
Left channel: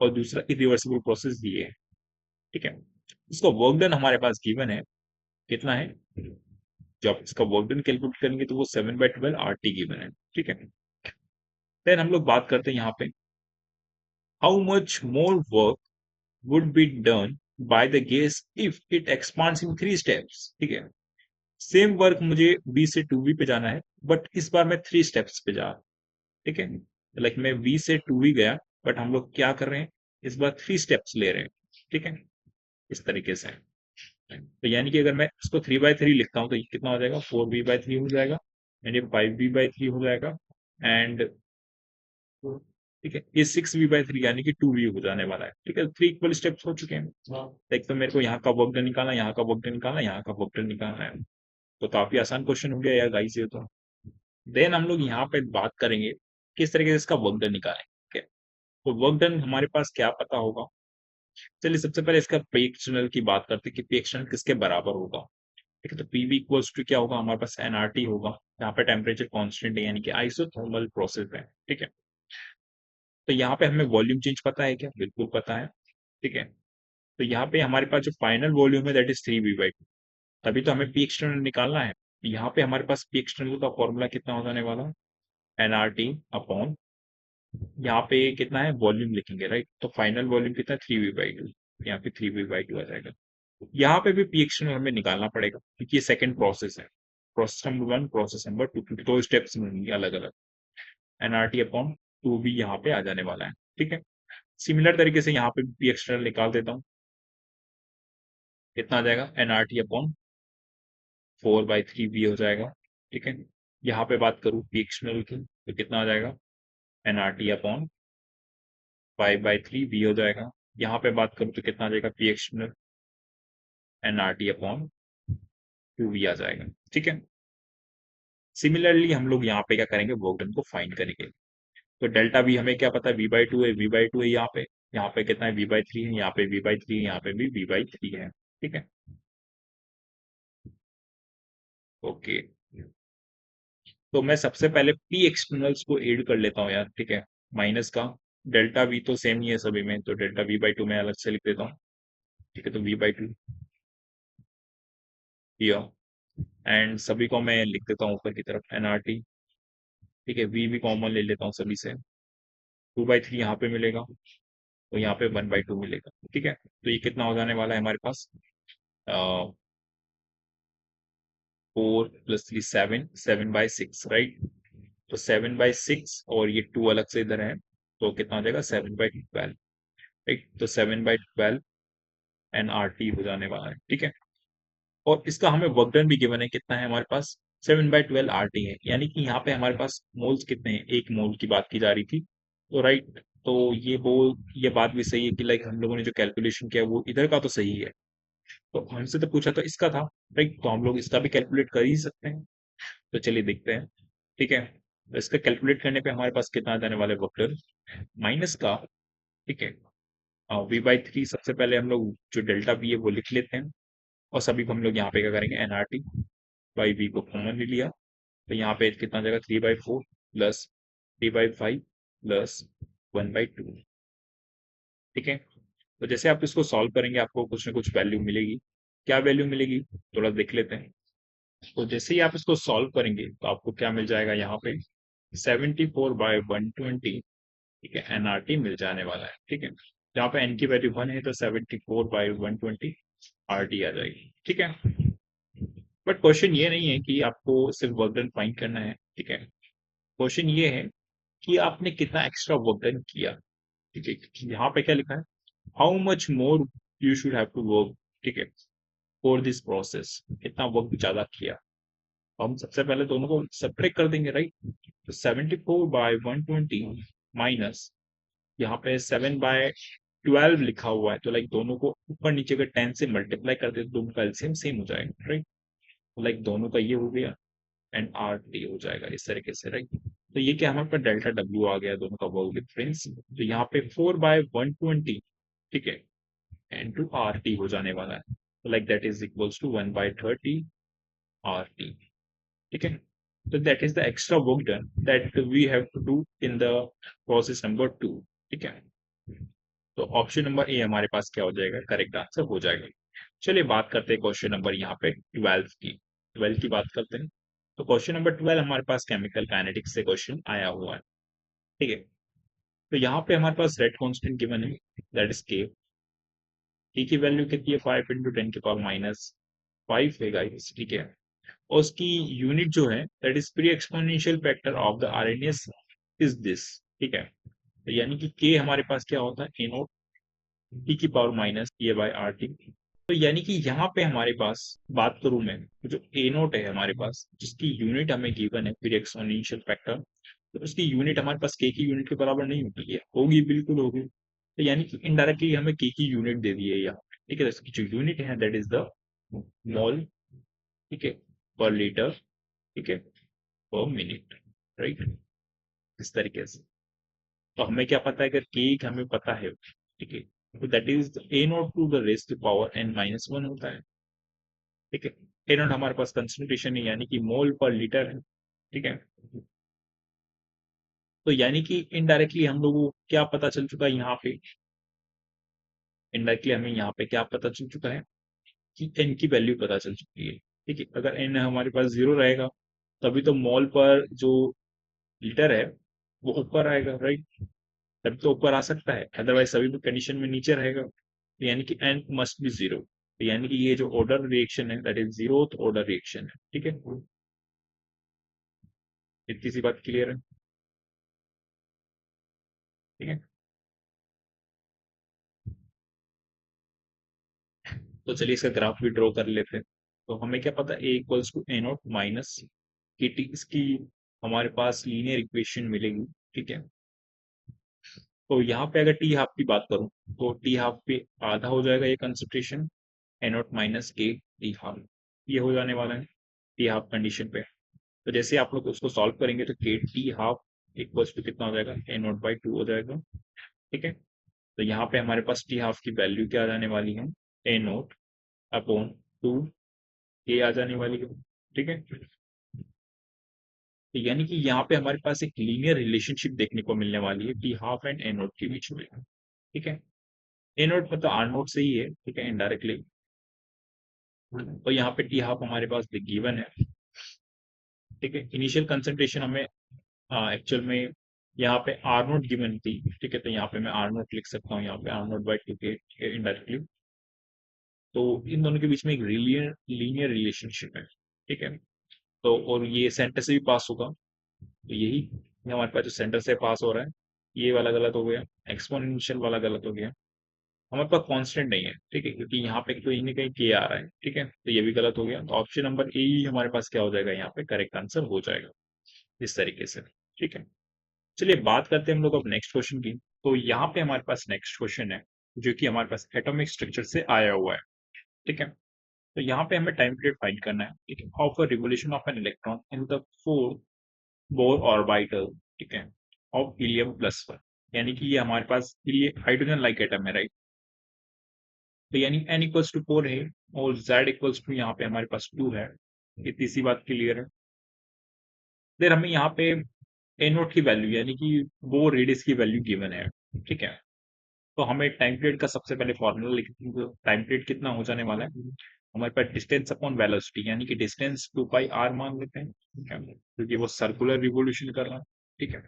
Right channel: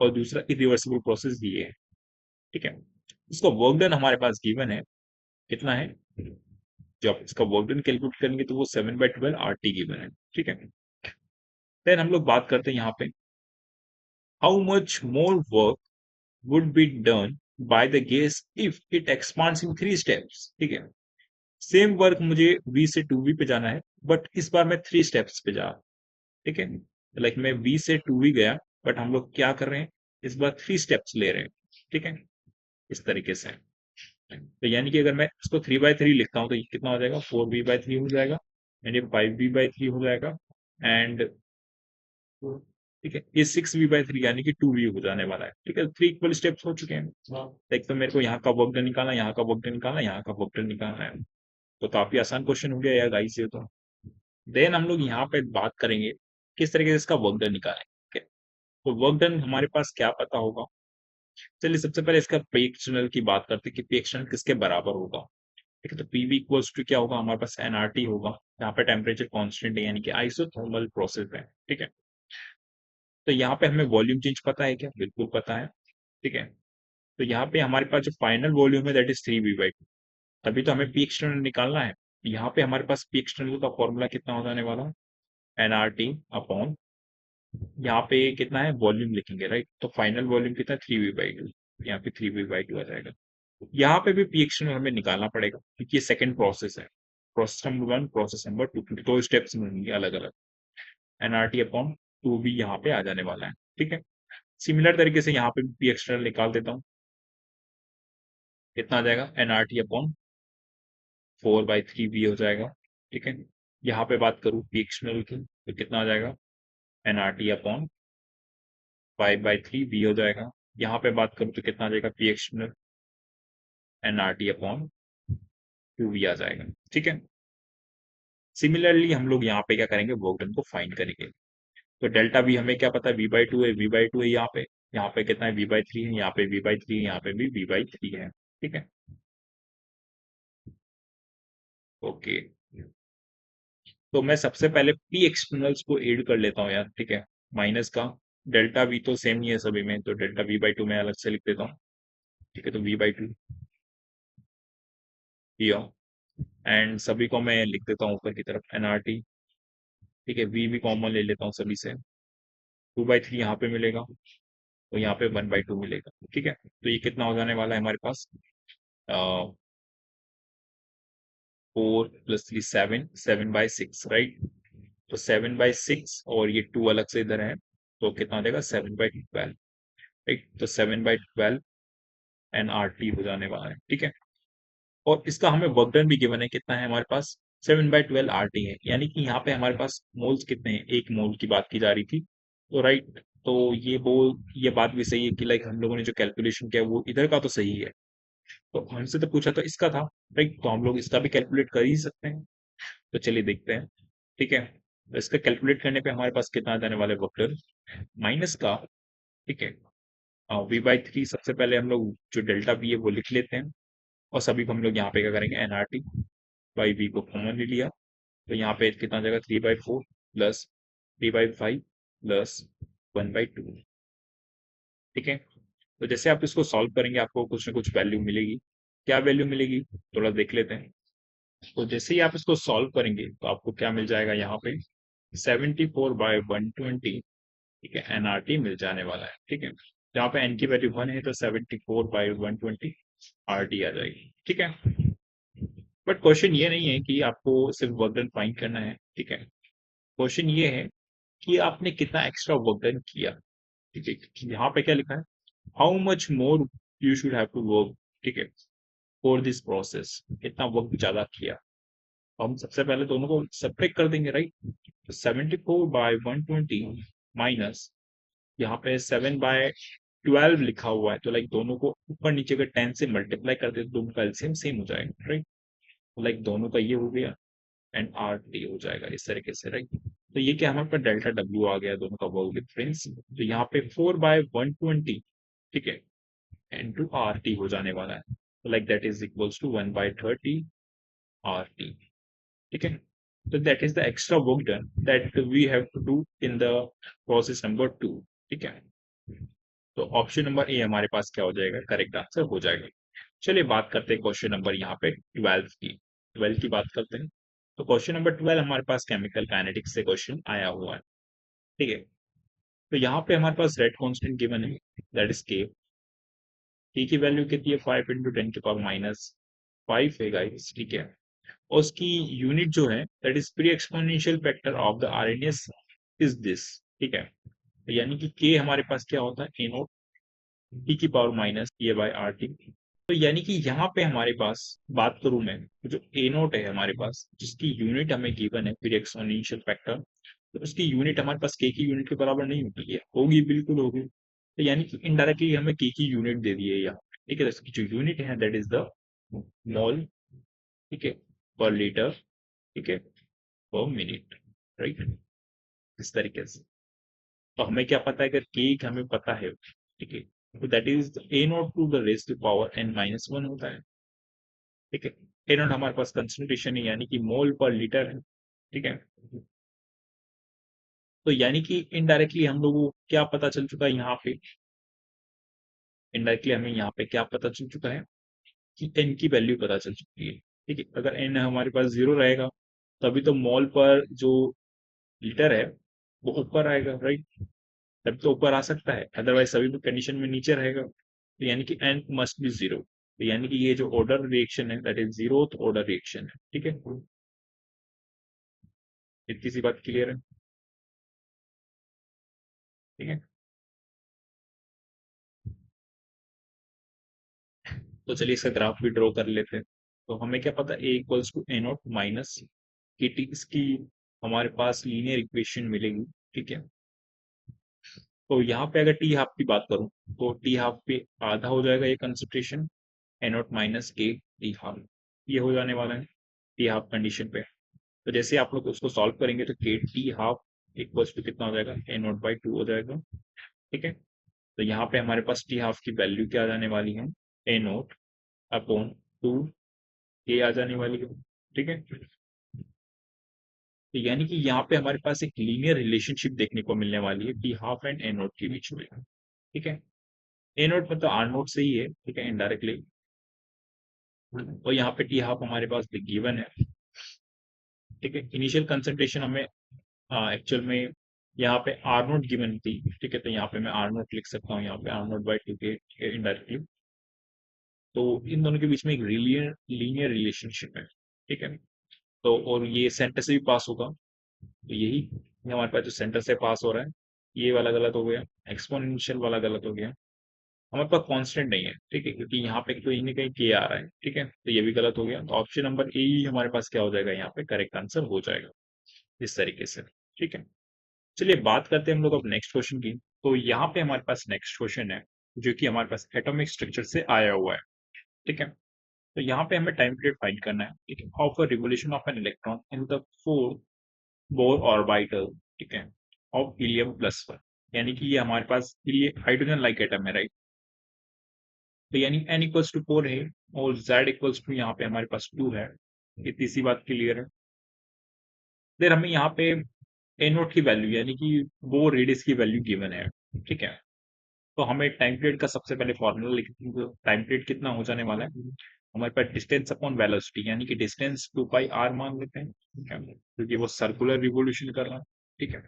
और दूसरा इरिवर्सिबल प्रोसेस ये है, ठीक है। इसका वर्क डन हमारे पास गिवन है, कितना है, जब इसका वर्क डन कैलकुलेट करेंगे तो वो 7/12 RT गिवन है, ठीक है। देन हम लोग बात करते हैं यहाँ पे how much more work would be done by the gas if it expands in 3 steps, ठीक है। सेम वर्क मुझे V से 2V पे जाना है बट इस बार मैं 3 स्टेप्स पे जा, ठीक है, लाइक मैं V से 2V गया बट हम लोग क्या कर रहे हैं, इस बार 3 स्टेप्स ले रहे हैं, ठीक है, इस तरीके से। तो यानी कि अगर मैं इसको 3/3 लिखता हूँ तो ये कितना हो जाएगा, 4V/3 हो जाएगा, एंड ये 5V/3 हो जाएगा, एंड ठीक है, ये 6V/3 यानी कि 2V हो जाने वाला है, ठीक है। 3 इक्वल स्टेप्स हो चुके हैं। एक तो मेरे को यहाँ का वर्क डन निकालना, यहाँ का वर्क डन निकालना, यहाँ का वर्क डन निकालना है, तो काफी आसान क्वेश्चन हो गया गाइस ये तो। देन हम लोग यहाँ पे बात करेंगे किस तरीके से इसका वर्क डन निकालें, ठीक है। तो वर्क डन हमारे पास क्या पता होगा, चलिए सबसे पहले इसका पी एक्सटर्नल की बात करते हैं कि पी एक्सटर्नल किसके बराबर होगा, ठीक है। तो पीवी इक्वल्स टू क्या होगा, हमारे पास एनआरटी होगा, यहाँ पे टेम्परेचर कांस्टेंट है यानी कि आइसोथर्मल प्रोसेस है, ठीक है। तो यहाँ पे हमें वॉल्यूम चेंज पता है क्या, बिल्कुल पता है, ठीक है। तो यहाँ पे हमारे पास जो फाइनल वॉल्यूम है दैट इज 3V/2, तभी तो हमें पी एक्सटर्नल निकालना है। यहाँ पे हमारे पास पी एक्सटर्नल का फॉर्मूला कितना हो जाने वाला है, एनआरटी अपॉन, यहाँ पे कितना है वॉल्यूम लिखेंगे, राइट, तो फाइनल वॉल्यूम कितना 3V/2, यहाँ पे 3V/2 आ जाएगा। यहाँ पे भी पी एक्सटर्नल हमें निकालना पड़ेगा क्योंकि सेकंड प्रोसेस है, process number 1 process number 2, 2 steps मिलेंगे अलग अलग। एनआरटी अपॉन 2 भी यहाँ पे आ जाने वाला है, ठीक है। सिमिलर तरीके से यहाँ पे पी एक्सटर्नल निकाल देता हूँ, कितना आ जाएगा, एनआरटी अपॉन 4/3 भी हो जाएगा, ठीक है। यहाँ पे बात करूँ पी एक्सटर्नल की तो कितना आ जाएगा, एनआरटी अपॉन 5/3 भी हो जाएगा। यहाँ पे बात करूँ तो कितना आ जाएगा, P external NRT upon 2V आ जाएगा, ठीक है। सिमिलरली हम लोग यहाँ पे क्या करेंगे, वॉल्यूम को फाइंड करेंगे। तो डेल्टा भी हमें क्या पता है, V/2 है, V/2 है यहाँ पे कितना है, V/3 है, यहाँ पे V/3 है, यहाँ पे भी V/3 है, ठीक है, ओके। तो मैं सबसे पहले पी एक्सटर्नल्स को ऐड कर लेता हूँ यार, ठीक है, माइनस का डेल्टा वी तो सेम ही है सभी में, तो डेल्टा V/2 मैं अलग से लिख देता हूँ, ठीक है। तो V/2 ये एंड सभी को मैं लिख देता हूँ ऊपर की तरफ एनआरटी। ठीक है, वी भी कॉमन ले लेता हूँ सभी से। 2/3 यहाँ पे मिलेगा, तो यहाँ पे 1/2 मिलेगा। ठीक है, तो ये कितना हो जाने वाला है हमारे पास, 4 + 3 7, 7/6, राइट। तो 7/6 और ये 2 अलग से इधर है, तो कितना आ जाएगा 7/12, राइट। तो 7/12 एनआरटी हो जाने वाला है। ठीक है, और इसका हमें वर्क डन भी गिवन है, कितना है हमारे पास, 7/12 आरटी है। यानी कि यहाँ पे हमारे पास मोल्स कितने हैं, 1 मोल की बात की जा रही थी, तो राइट। तो ये बात भी सही है कि लाइक हम लोगों ने जो कैलकुलेशन किया वो इधर का तो सही है, तो हमसे तो पूछा तो इसका था, राइट। तो हम लोग इसका भी कैलकुलेट कर ही सकते हैं। तो चलिए देखते हैं। ठीक है, तो इसका कैलकुलेट करने पे हमारे पास कितना आ जाने वाला है वर्क डन माइनस का। ठीक है, V/3 सबसे पहले हम लोग जो डेल्टा V है वो लिख लेते हैं, और सभी को हम लोग यहाँ पे क्या करेंगे, एनआरटी बाई वी को कॉमन ले लिया, तो यहाँ पे कितना आ जाएगा, 3/4 प्लस 3/5 प्लस 1/2। ठीक है, तो जैसे आप इसको सॉल्व करेंगे आपको कुछ ना कुछ वैल्यू मिलेगी। क्या वैल्यू मिलेगी, थोड़ा देख लेते हैं। तो जैसे ही आप इसको सॉल्व करेंगे तो आपको क्या मिल जाएगा, यहाँ पे 74/120। ठीक है, एनआरटी मिल जाने वाला है। ठीक है, जहाँ पे एन की वैल्यू 1 है तो 74/120 आरटी आ जाएगी। ठीक है, बट क्वेश्चन ये नहीं है कि आपको सिर्फ वर्क डन फाइंड करना है। ठीक है, क्वेश्चन ये है कि आपने कितना एक्स्ट्रा वर्क डन किया। ठीक है, यहाँ पे क्या लिखा है, how much more you should have to work. ठीक है, फॉर दिस प्रोसेस, कितना वर्क ज्यादा किया। तो हम सबसे पहले दोनों को सेपरेट कर देंगे, राइट। 74/120 माइनस, यहाँ पे 7/12 लिखा हुआ है, तो लाइक दोनों को ऊपर नीचे का 10 से मल्टीप्लाई कर दे तो दोनों का एलसीएम सेम हो जाएगा, राइट। लाइक दोनों का ये हो गया एंड आर टी हो जाएगा इस तरीके से, राइट। तो ये क्या हमारे पास डेल्टा डब्ल्यू आ गया दोनों का वर्क डिफरेंस। तो यहाँ पे 4/120, ठीक है, एंड टू आर टी हो जाने वाला है, तो like that is equals to 1/30 R T. ठीक है, तो that is the extra work done that we have to do in the process number 2। ठीक है, तो ऑप्शन नंबर ए हमारे पास क्या हो जाएगा, करेक्ट आंसर हो जाएगा। चलिए बात करते हैं क्वेश्चन नंबर यहाँ पे 12 की, 12 की बात करते हैं। तो क्वेश्चन नंबर 12 हमारे पास केमिकल काइनेटिक्स से क्वेश्चन आया हुआ है। ठीक है, तो यहाँ पे हमारे पास रेट कांस्टेंट गिवन है, दैट इज के। के की वैल्यू कितनी है, 5 × 10⁻⁵ है गाइस। ठीक है, और उसकी यूनिट जो है that is pre exponential factor of the RNS is this. ठीक है, तो यानी कि के हमारे पास क्या होता है, ए E⁻⁻ तो यानी कि यहाँ पे हमारे पास बात करूं मैं, तो जो ए नोट है हमारे पास जिसकी यूनिट हमें गिवन है फिर एक्सपोनेंशियल फैक्टर, तो उसकी यूनिट हमारे पास के की यूनिट के बराबर नहीं होती है, होगी बिल्कुल होगी। तो यानी कि इनडायरेक्टली हमें के की यूनिट दे दी है यहाँ पे। ठीक है, तो इसकी जो यूनिट है दैट इज द मोल। ठीक है, पर लीटर। ठीक है, पर मिनट, राइट, इस तरीके से। तो हमें क्या पता है, अगर के हमें पता है, ठीक है, that is a naught to the raise to power n-1 होता है। ठीक है, ए नॉट हमारे पास कंसंट्रेशन है यानी कि मोल पर लीटर है। ठीक है, तो यानी कि इनडायरेक्टली हम लोगों को क्या पता चल चुका है यहाँ पे, इनडायरेक्टली हमें यहाँ पे क्या पता चल चुका है कि एन की वैल्यू पता चल चुकी है। ठीक है, अगर एन हमारे पास 0 रहेगा तभी तो मोल पर जो लीटर है वो ऊपर आएगा, राइट। तब तो ऊपर आ सकता है, अदरवाइज सभी भी कंडीशन में नीचे रहेगा, तो यानी कि एन मस्ट बी 0। तो यानी कि ये जो ऑर्डर रिएक्शन है that is 0th order reaction है। ठीक है, इतनी सी बात क्लियर है। ठीक है, तो चलिए इसका ग्राफ भी ड्रॉ कर लेते हैं। तो हमें क्या पता है, A equals to A naught minus K T, इसकी हमारे पास लीनियर इक्वेशन मिलेगी। ठीक है, तो यहाँ पे अगर टी हाफ की बात करूं तो टी हाफ पे आधा हो जाएगा ये कंसंट्रेशन, ए naught minus K T half, ये हो जाने वाला है टी हाफ कंडीशन पे। तो जैसे आप लोग उसको सॉल्व करेंगे तो के टी हाफ इक्वल्स टू कितना हो जाएगा, A0/2 हो जाएगा। ठीक है, तो यहाँ पे हमारे पास टी हाफ की वैल्यू क्या आ जाने वाली है, A0/2 ये आ जाने वाली है। ठीक है, तो यानी कि यहाँ पे हमारे पास एक लीनियर रिलेशनशिप देखने को मिलने वाली है टी हाफ एंड A0 के बीच में। ठीक है, A0 मतलब R0 से ही है, ठीक है, इनडायरेक्टली। तो यहाँ पे टी हाफ हमारे पास गिवन है। ठीक है, इनिशियल कंसंट्रेशन हमें एक्चुअल में यहाँ पे आर नोट गिवन थी। ठीक है, तो यहाँ पे मैं आर नोट लिख सकता हूँ, यहाँ पे आर नोट बाई टी के इनडायरेक्टली। तो इन दोनों के बीच में एक लीनियर रिलेशनशिप है। ठीक है, तो और ये सेंटर से भी पास होगा, तो यही हमारे पास जो सेंटर से पास हो रहा है, ये वाला गलत हो गया, एक्सपोनेंशियल वाला गलत हो गया, हमारे पास कांस्टेंट नहीं है। ठीक है, क्योंकि यहाँ पे कोई ना कहीं के आ रहा है। ठीक है, तो ये भी गलत हो गया, तो ऑप्शन नंबर ए ही हमारे पास क्या हो जाएगा, यहाँ पे करेक्ट आंसर हो जाएगा इस तरीके से। ठीक है, चलिए बात करते हैं हम लोग अब नेक्स्ट क्वेश्चन की। तो यहाँ पे हमारे पास नेक्स्ट क्वेश्चन है जो कि हमारे पास एटॉमिक स्ट्रक्चर से आया हुआ है। ठीक है, तो यहाँ पे हमें टाइम पीरियड फाइंड करना है। ठीक है, of a revolution of an electron in the four bore orbital. ठीक है, ऑफ हीलियम प्लस वन, यानी कि ये हमारे पास ये हाइड्रोजन लाइक एटम है, राइट। तो यानी n इक्वल्स टू 4 है और z इक्वल्स टू यहाँ पे हमारे पास 2 है। इतनी सी बात क्लियर है। फिर हमें यहाँ पे ए नोट की वैल्यू यानी कि वो रेडियस की वैल्यू गिवन है। ठीक है, तो हमें टाइम पीरियड का सबसे पहले फॉर्मूला लिखते हैं। टाइम पीरियड कितना हो जाने वाला है, हमारे पास डिस्टेंस अपॉन वेलोसिटी, यानी कि डिस्टेंस 2 पाई आर मान लेते हैं। ठीक है, क्योंकि वो सर्कुलर रिवोल्यूशन कर रहा है। ठीक है,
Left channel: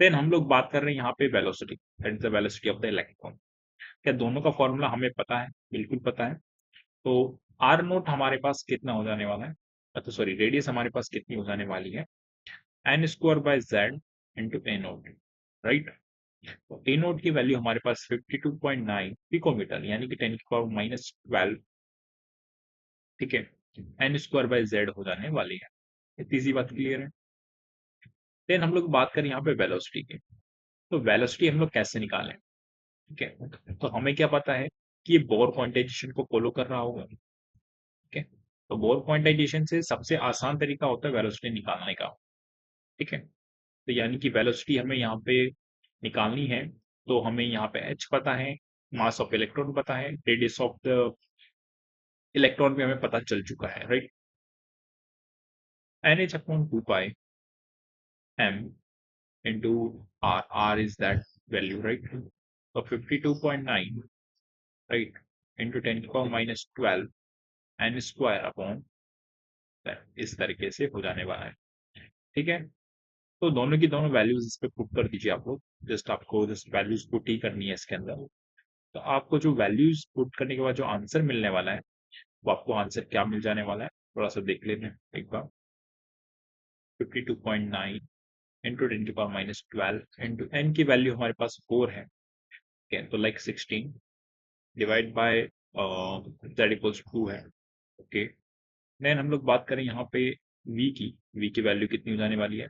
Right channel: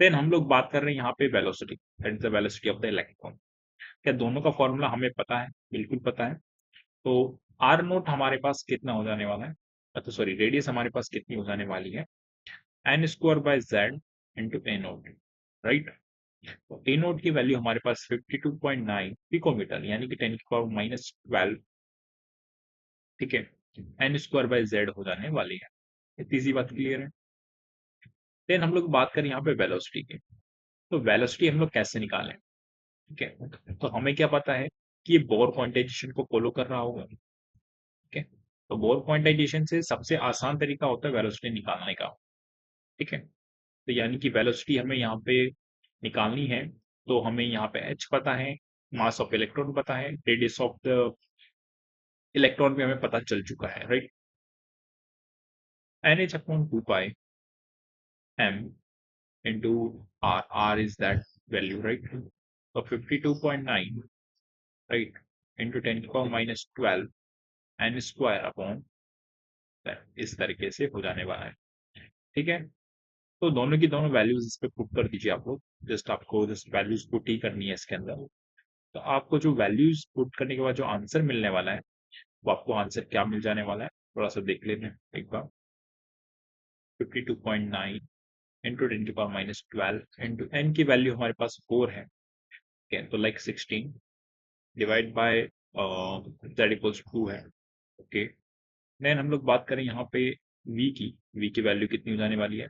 देन हम लोग बात कर रहे हैं यहाँ पे velocity, that is the velocity of the electron. क्या दोनों का फॉर्मूला हमें पता है? बिल्कुल पता है। तो आर नोट हमारे पास कितना हो जाने वाला है, तो सॉरी रेडियस हमारे पास कितनी हो जाने वाली है, N square by Z into A naught, right. तो ए नोट की वैल्यू हमारे पास 52.9 पिकोमीटर, यानी कि 10 की पावर माइनस 12। ठीक है, एन स्क्वायर बाय जेड हो जाने वाली है। इतनी सी बात क्लियर है। देन हम लोग बात करें यहाँ पे वेलोसिटी की। तो वेलोसिटी हम लोग कैसे निकालें? ठीक है, तो हमें क्या पता है कि ये बोर क्वांटाइजेशन को फॉलो कर रहा होगा। ठीक है, तो बोर क्वांटाइजेशन से सबसे आसान तरीका होता है वेलोसिटी निकालने का। ठीक है, तो यानी कि वेलोसिटी हमें यहाँ पे निकालनी है, तो हमें यहाँ पे एच पता है, मास ऑफ इलेक्ट्रॉन पता है, रेडियस ऑफ द इलेक्ट्रॉन भी हमें पता चल चुका है, right. N H upon 2 pi M into R, R is that value, right. तो 52.9, राइट, इंटू 10 की power minus 12 N square upon, इस तरीके से हो जाने वाला है। ठीक है, तो दोनों की दोनों वैल्यूज इस पे पुट कर दीजिए आप लोग। जस्ट आपको जस्ट वैल्यूज पुट ही करनी है इसके अंदर। तो आपको जो वैल्यूज पुट करने के बाद जो आंसर मिलने वाला है, वो आपको आंसर क्या मिल जाने वाला है, थोड़ा सा देख लेते हैं एक बार। 52.9 इंटू 10 की पावर माइनस 12 इंटू एन की वैल्यू हमारे पास 4 है। ठीक है, तो like 16 divide by Z equals 2 है। ओके, देन हम लोग बात करें यहाँ पे वी की वैल्यू कितनी हो जाने वाली है,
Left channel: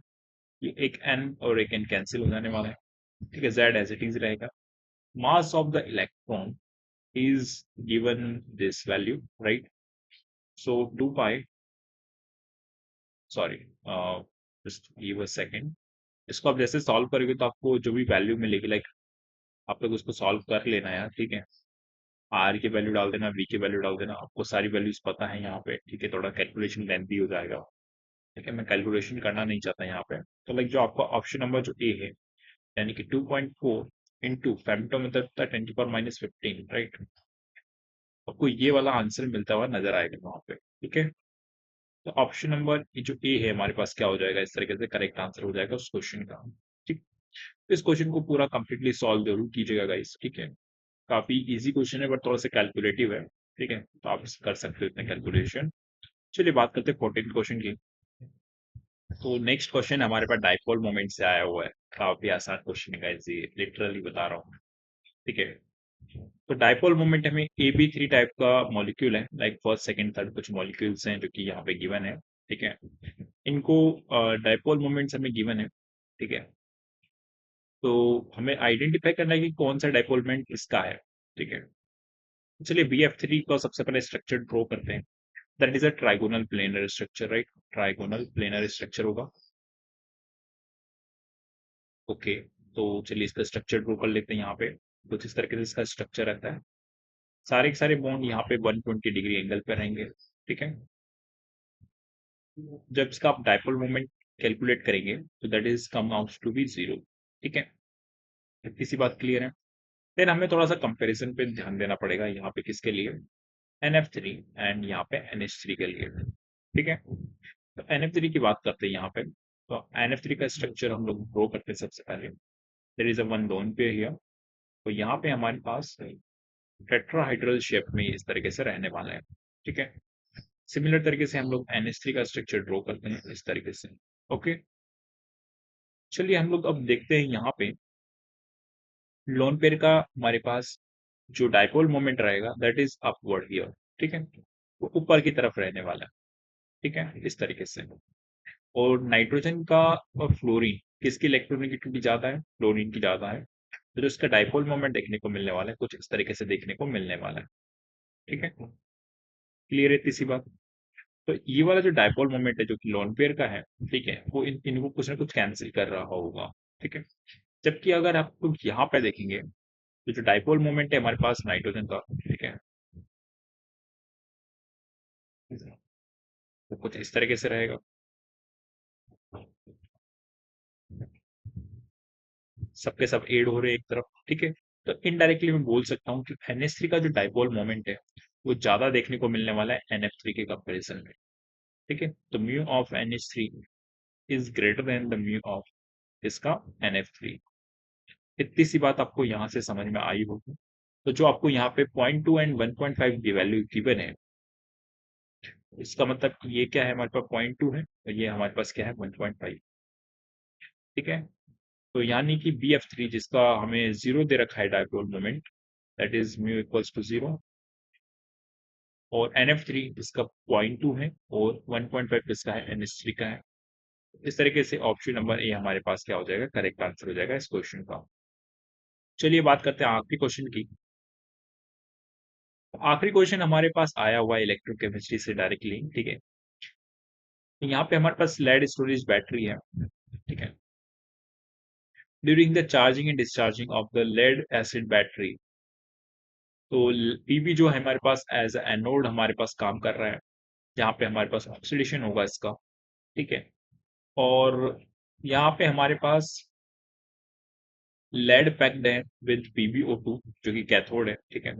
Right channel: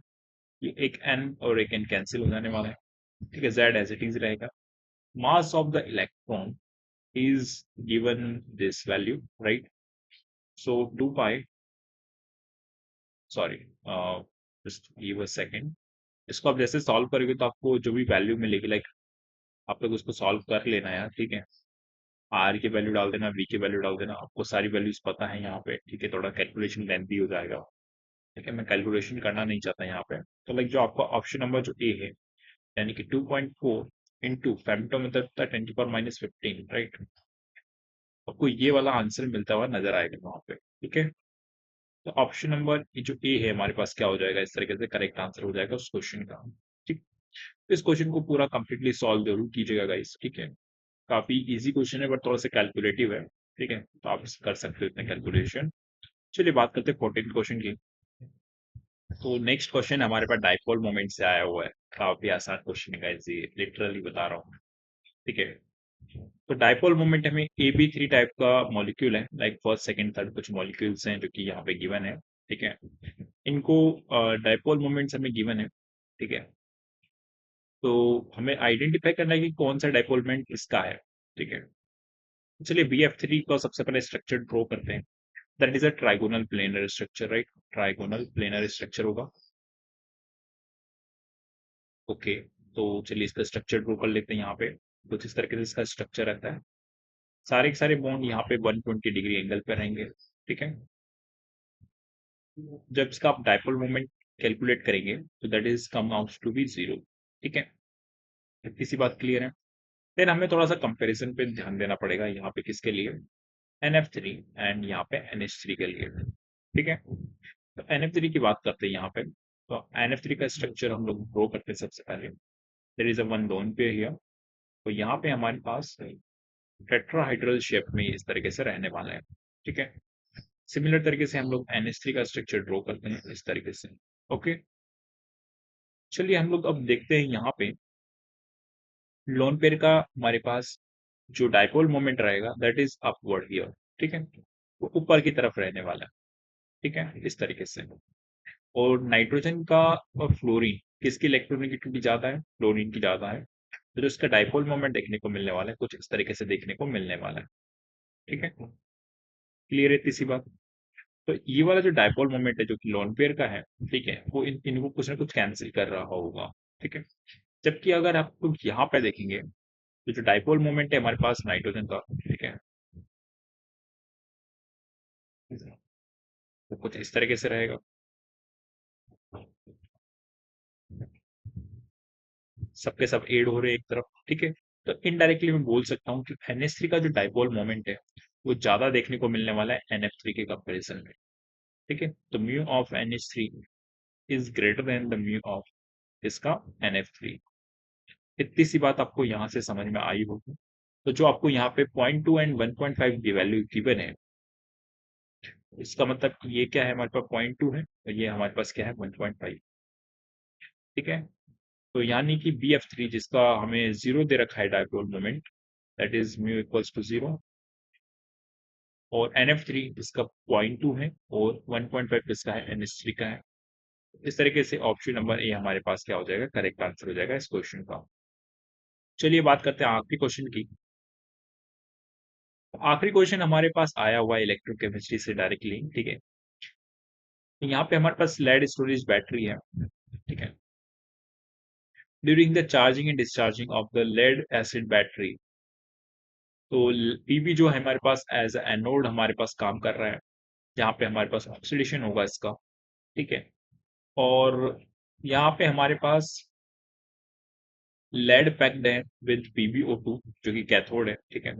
ये एक एन और एक एन कैंसिल हो जाने वाला है। ठीक है, जेड एज इट इज रहेगा। Mass of the electron is given this value, right? So 2 pi, sorry, just give a second. इसको आप जैसे सॉल्व करोगे तो आपको जो भी वैल्यू मिलेगी, लाइक आप लोग उसको सॉल्व कर लेना यार। ठीक है, आर की वैल्यू डाल देना, वी की वैल्यू डाल देना, आपको सारी वैल्यूज पता है यहाँ पे। ठीक है, थोड़ा कैलकुलेशन लेंथी हो जाएगा। ठीक है, मैं कैलकुलेशन करना नहीं चाहता यहाँ पे। तो लाइक जो आपका ऑप्शन नंबर जो ए है, यानी कि 2.4 इंटू फेमटोमीटर 10 की पावर माइनस 15, राइट, आपको ये वाला आंसर मिलता हुआ नजर आएगा वहां पे। ठीक है, तो ऑप्शन नंबर जो ए है हमारे पास क्या हो जाएगा, इस तरीके से करेक्ट आंसर हो जाएगा उस क्वेश्चन का। ठीक, इस क्वेश्चन को पूरा कंप्लीटली सॉल्व जरूर कीजिएगा गाइस। ठीक है, काफी इजी क्वेश्चन है बट थोड़ा सा कैलकुलेटिव है। ठीक है, तो आप कर सकते हो इतने कैलकुलेशन। चलिए बात करते हैं 14 क्वेश्चन की। तो नेक्स्ट क्वेश्चन हमारे पास डाइपोल मोमेंट से आया हुआ है। काफी आसान क्वेश्चन है गाइस, ये लिटरली बता रहा हूँ। ठीक है, तो डाइपोल मोमेंट हमें ए बी थ्री टाइप का मॉलिक्यूल है, लाइक फर्स्ट सेकंड थर्ड कुछ मॉलिक्यूल्स हैं जो कि यहाँ पे गिवन है। ठीक है, इनको डाइपोल मोमेंट्स हमें गिवन है। ठीक है, तो हमें आइडेंटिफाई करना है कि कौन सा डाइपोल मोमेंट इसका है। ठीक है, चलिए बी एफ थ्री का सबसे पहले स्ट्रक्चर ड्रॉ करते हैं। That is a trigonal planar structure, right, trigonal planar structure होगा। ओके, तो चलिए इसका स्ट्रक्चर ड्रॉ कर लेते हैं। यहाँ पे कुछ इस तरीके से इसका स्ट्रक्चर रहता है। सारे के सारे बॉन्ड यहाँ पे 120 डिग्री एंगल पे रहेंगे। ठीक है, जब इसका आप डाइपोल मोमेंट कैलकुलेट करेंगे तो that is come out to be zero. ठीक है, इतनी सी बात क्लियर है। देन हमें थोड़ा सा कंपैरिजन पे ध्यान देना पड़ेगा यहाँ पे, किसके लिए, NF3 एंड यहाँ पे NH3 के लिए। ठीक है, तो NF3 की बात करते हैं यहाँ पे। तो NF3 का स्ट्रक्चर हम लोग ड्रॉ करते हैं सबसे पहले। There is a one lone pair here. तो यहाँ पे हमारे पास टेट्राहाइड्रल शेप में इस तरीके से रहने वाला है। ठीक है, सिमिलर तरीके से हम लोग NH3 का स्ट्रक्चर ड्रॉ करते हैं इस तरीके से। ओके, चलिए हम लोग अब देखते हैं यहाँ पे लोन पेयर का हमारे पास जो डाइपोल मोमेंट रहेगा दैट इज अपवर्ड हियर। ठीक है, वो ऊपर की तरफ रहने वाला है। ठीक है, इस तरीके से। और नाइट्रोजन का और फ्लोरीन किसकी इलेक्ट्रोनेगेटिविटी ज्यादा है? फ्लोरीन की ज्यादा है। तो जो इसका डाइपोल मोमेंट देखने को मिलने वाला है कुछ इस तरीके से देखने को मिलने वाला है। ठीक है, क्लियर है इसी बात। तो ये वाला जो डाइपोल मोमेंट है जो कि लोन पेयर का है, ठीक है, वो इनको कुछ ना कुछ कैंसिल कर रहा होगा। ठीक है, जबकि अगर आप लोग यहाँ पे देखेंगे तो जो डाइपोल मोमेंट है हमारे पास नाइट्रोजन का, ठीक है, वो कुछ इस तरीके से रहेगा। सबके सब एड हो रहे हैं एक तरफ। ठीक है, तो इनडायरेक्टली मैं बोल सकता हूँ कि NH3 का जो डाइपोल मोमेंट है वो ज्यादा देखने को मिलने वाला है NF3 के कंपैरिजन में। ठीक है, तो mu of NH3 is greater than the mu of इसका NF3। इतनी सी बात आपको यहाँ से समझ में आई होगी। तो जो आपको यहाँ पे 0.2 एंड 1.5 की वैल्यू गिवन है, इसका मतलब ये क्या है, हमारे पास 0.2 है और ये हमारे पास क्या है 1.5। ठीक है, तो यानी कि BF3 जिसका हमें जीरो दे रखा है dipole moment, that is mu equals to zero, और NF3 इसका 0.2 है और 1.5 इसका है NH3 का है। इस तरीके से ऑप्शन नंबर ए हमारे पास क्या हो जाएगा, करेक्ट आंसर हो जाएगा इस क्वेश्चन का। चलिए बात करते हैं आखिरी क्वेश्चन की। आखिरी क्वेश्चन हमारे पास आया हुआ है इलेक्ट्रोकेमिस्ट्री से डायरेक्टली। ठीक है, तो यहाँ पे हमारे पास लेड स्टोरेज बैटरी है। ठीक है, during the charging and discharging of the lead acid battery, तो पीबी जो है हमारे पास एज एनोड हमारे पास काम कर रहा है, जहाँ पे हमारे पास ऑक्सीडेशन होगा इसका। ठीक है, और यहाँ पे हमारे पास लेड पैक्ड है विद PbO2 जो कि कैथोड है। ठीक है,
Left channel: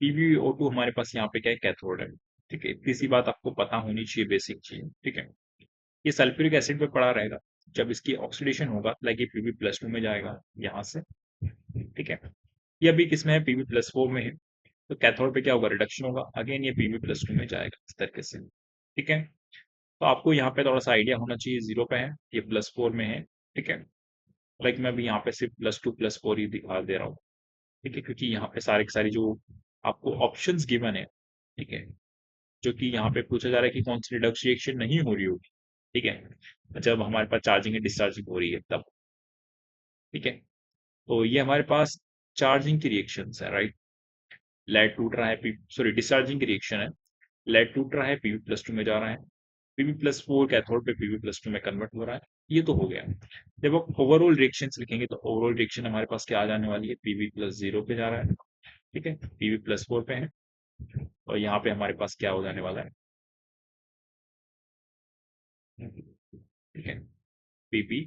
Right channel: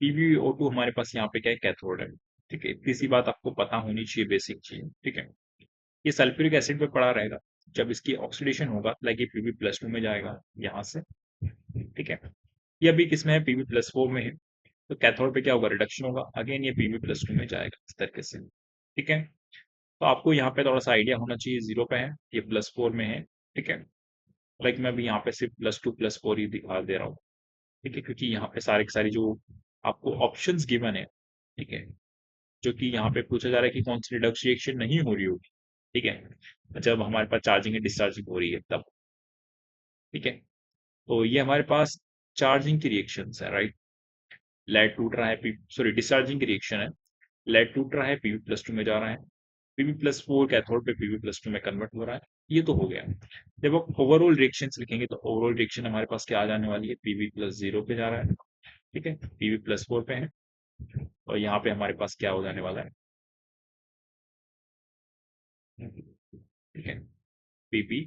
PbO2 हमारे पास यहाँ पे क्या है, कैथोड है। ठीक है, इतनी सी बात आपको पता होनी चाहिए, बेसिक चीज। ठीक है, ये सल्फ्यूरिक एसिड पे पड़ा रहेगा। जब इसकी ऑक्सीडेशन होगा लाइक ये Pb+2 में जाएगा यहाँ से। ठीक है, ये अभी किसमें है, Pb+4 में है। तो कैथोड पे क्या होगा, रिडक्शन होगा, अगेन ये Pb+2 में जाएगा इस तरीके से। ठीक है, तो आपको यहाँ पे थोड़ा सा आइडिया होना चाहिए, जीरो पे है, ये +4 में है। ठीक है, लाइक मैं अभी यहाँ पे सिर्फ +2 +4 ही दिखा दे रहा हूँ। ठीक है, क्योंकि यहाँ पे सारे के सारी जो आपको ऑप्शंस गिवन है, ठीक है, जो कि यहाँ पे पूछा जा रहा है कि कौन सी रिडक्शन रिएक्शन नहीं हो रही होगी। ठीक है, जब हमारे पास चार्जिंग एंड डिस्चार्जिंग हो रही है तब। ठीक है, तो ये हमारे पास चार्जिंग की रिएक्शन है, राइट। लेड टूट रहा है, सॉरी डिस्चार्जिंग की रिएक्शन है। लेड टूट रहा है, Pb+2 में जा रहा है, Pb+4 कैथोड पे Pb+2 में कन्वर्ट हो रहा है। ये तो हो गया। जब आप ओवरऑल रिएक्शंस लिखेंगे तो ओवरऑल रिएक्शन हमारे पास क्या आ जाने वाली है, Pb+0 पे जा रहा है। ठीक है, Pb+4 पे है, और यहाँ पे हमारे पास क्या हो जाने वाला है, ठीक है, Pb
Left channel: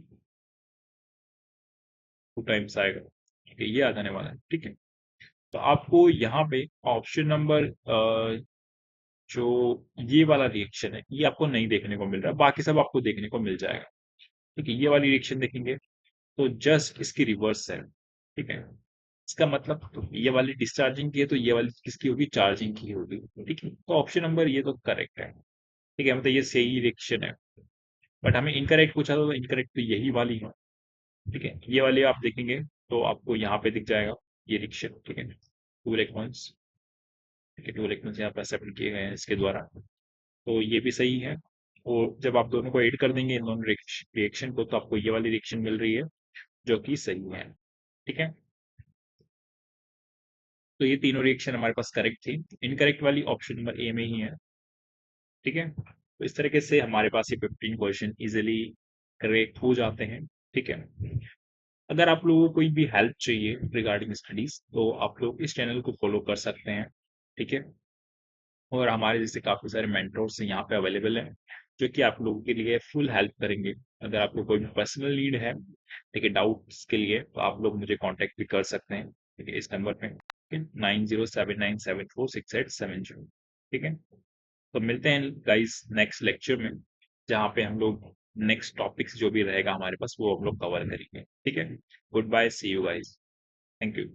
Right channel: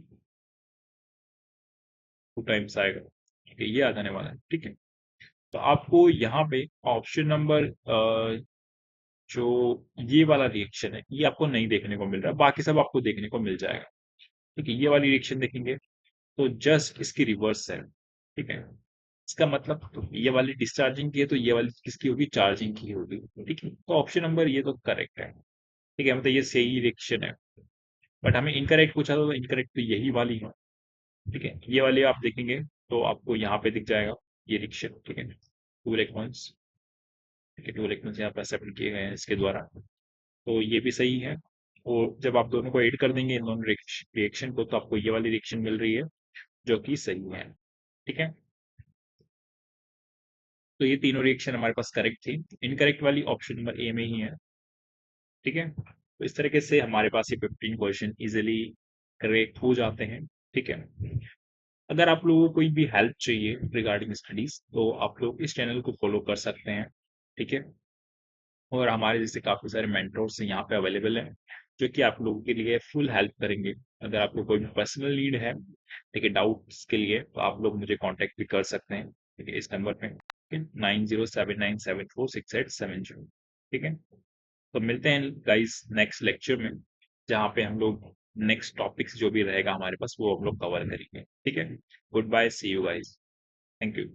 2 टाइम्स आएगा। ठीक है, ये आ जाने वाला है। ठीक है, तो आपको यहाँ पे ऑप्शन नंबर जो ये वाला रिएक्शन है ये आपको नहीं देखने को मिल रहा है, बाकी सब आपको देखने को मिल जाएगा। ठीक है, ये वाली रिएक्शन देखेंगे तो जस्ट इसकी रिवर्स है। ठीक है, इसका मतलब तो ये वाली डिस्चार्जिंग की है तो ये वाली किसकी होगी, चार्जिंग की होगी। ठीक है, तो ऑप्शन नंबर ये तो करेक्ट है। ठीक है, मतलब ये सही रिएक्शन है। बट हमें इनकरेक्ट पूछा तो इनकरेक्ट तो यही वाली है। ठीक है, ये वाली आप देखेंगे तो आपको यहाँ पे दिख जाएगा ये रिएक्शन। ठीक है, 2 इलेक्ट्रॉन्स। ठीक है, 2 इलेक्ट्रॉन्स यहाँ पे सेपरेट किए गए हैं इसके द्वारा, तो ये भी सही है। और जब आप दोनों को ऐड कर देंगे इन दोनों रिएक्शन को तो आपको ये वाली रिएक्शन मिल रही है जो कि सही है। ठीक है, तो ये तीनों रिएक्शन हमारे पास करेक्ट थी। इनकरेक्ट वाली ऑप्शन नंबर ए में ही है। ठीक है, तो इस तरीके से हमारे पास ये 15 क्वेश्चन इजिली करेक्ट हो जाते हैं। ठीक है, अगर आप लोगों को कोई भी हेल्प चाहिए रिगार्डिंग स्टडीज तो आप लोग इस चैनल को फॉलो कर सकते हैं। ठीक है, और हमारे जैसे काफी सारे मेंटर्स यहाँ पे अवेलेबल हैं जो कि आप लोगों के लिए फुल हेल्प करेंगे। अगर आपको कोई भी पर्सनल नीड है, ठीक है, डाउट्स के लिए, तो आप लोग मुझे कांटेक्ट भी कर सकते हैं। ठीक है, इस नंबर पे। 9079746870। ठीक है, तो मिलते हैं गाइस नेक्स्ट लेक्चर में, जहाँ पे हम लोग नेक्स्ट टॉपिक्स जो भी रहेगा हमारे पास वो हम लोग कवर करेंगे। ठीक है, good bye, see you guys, thank you.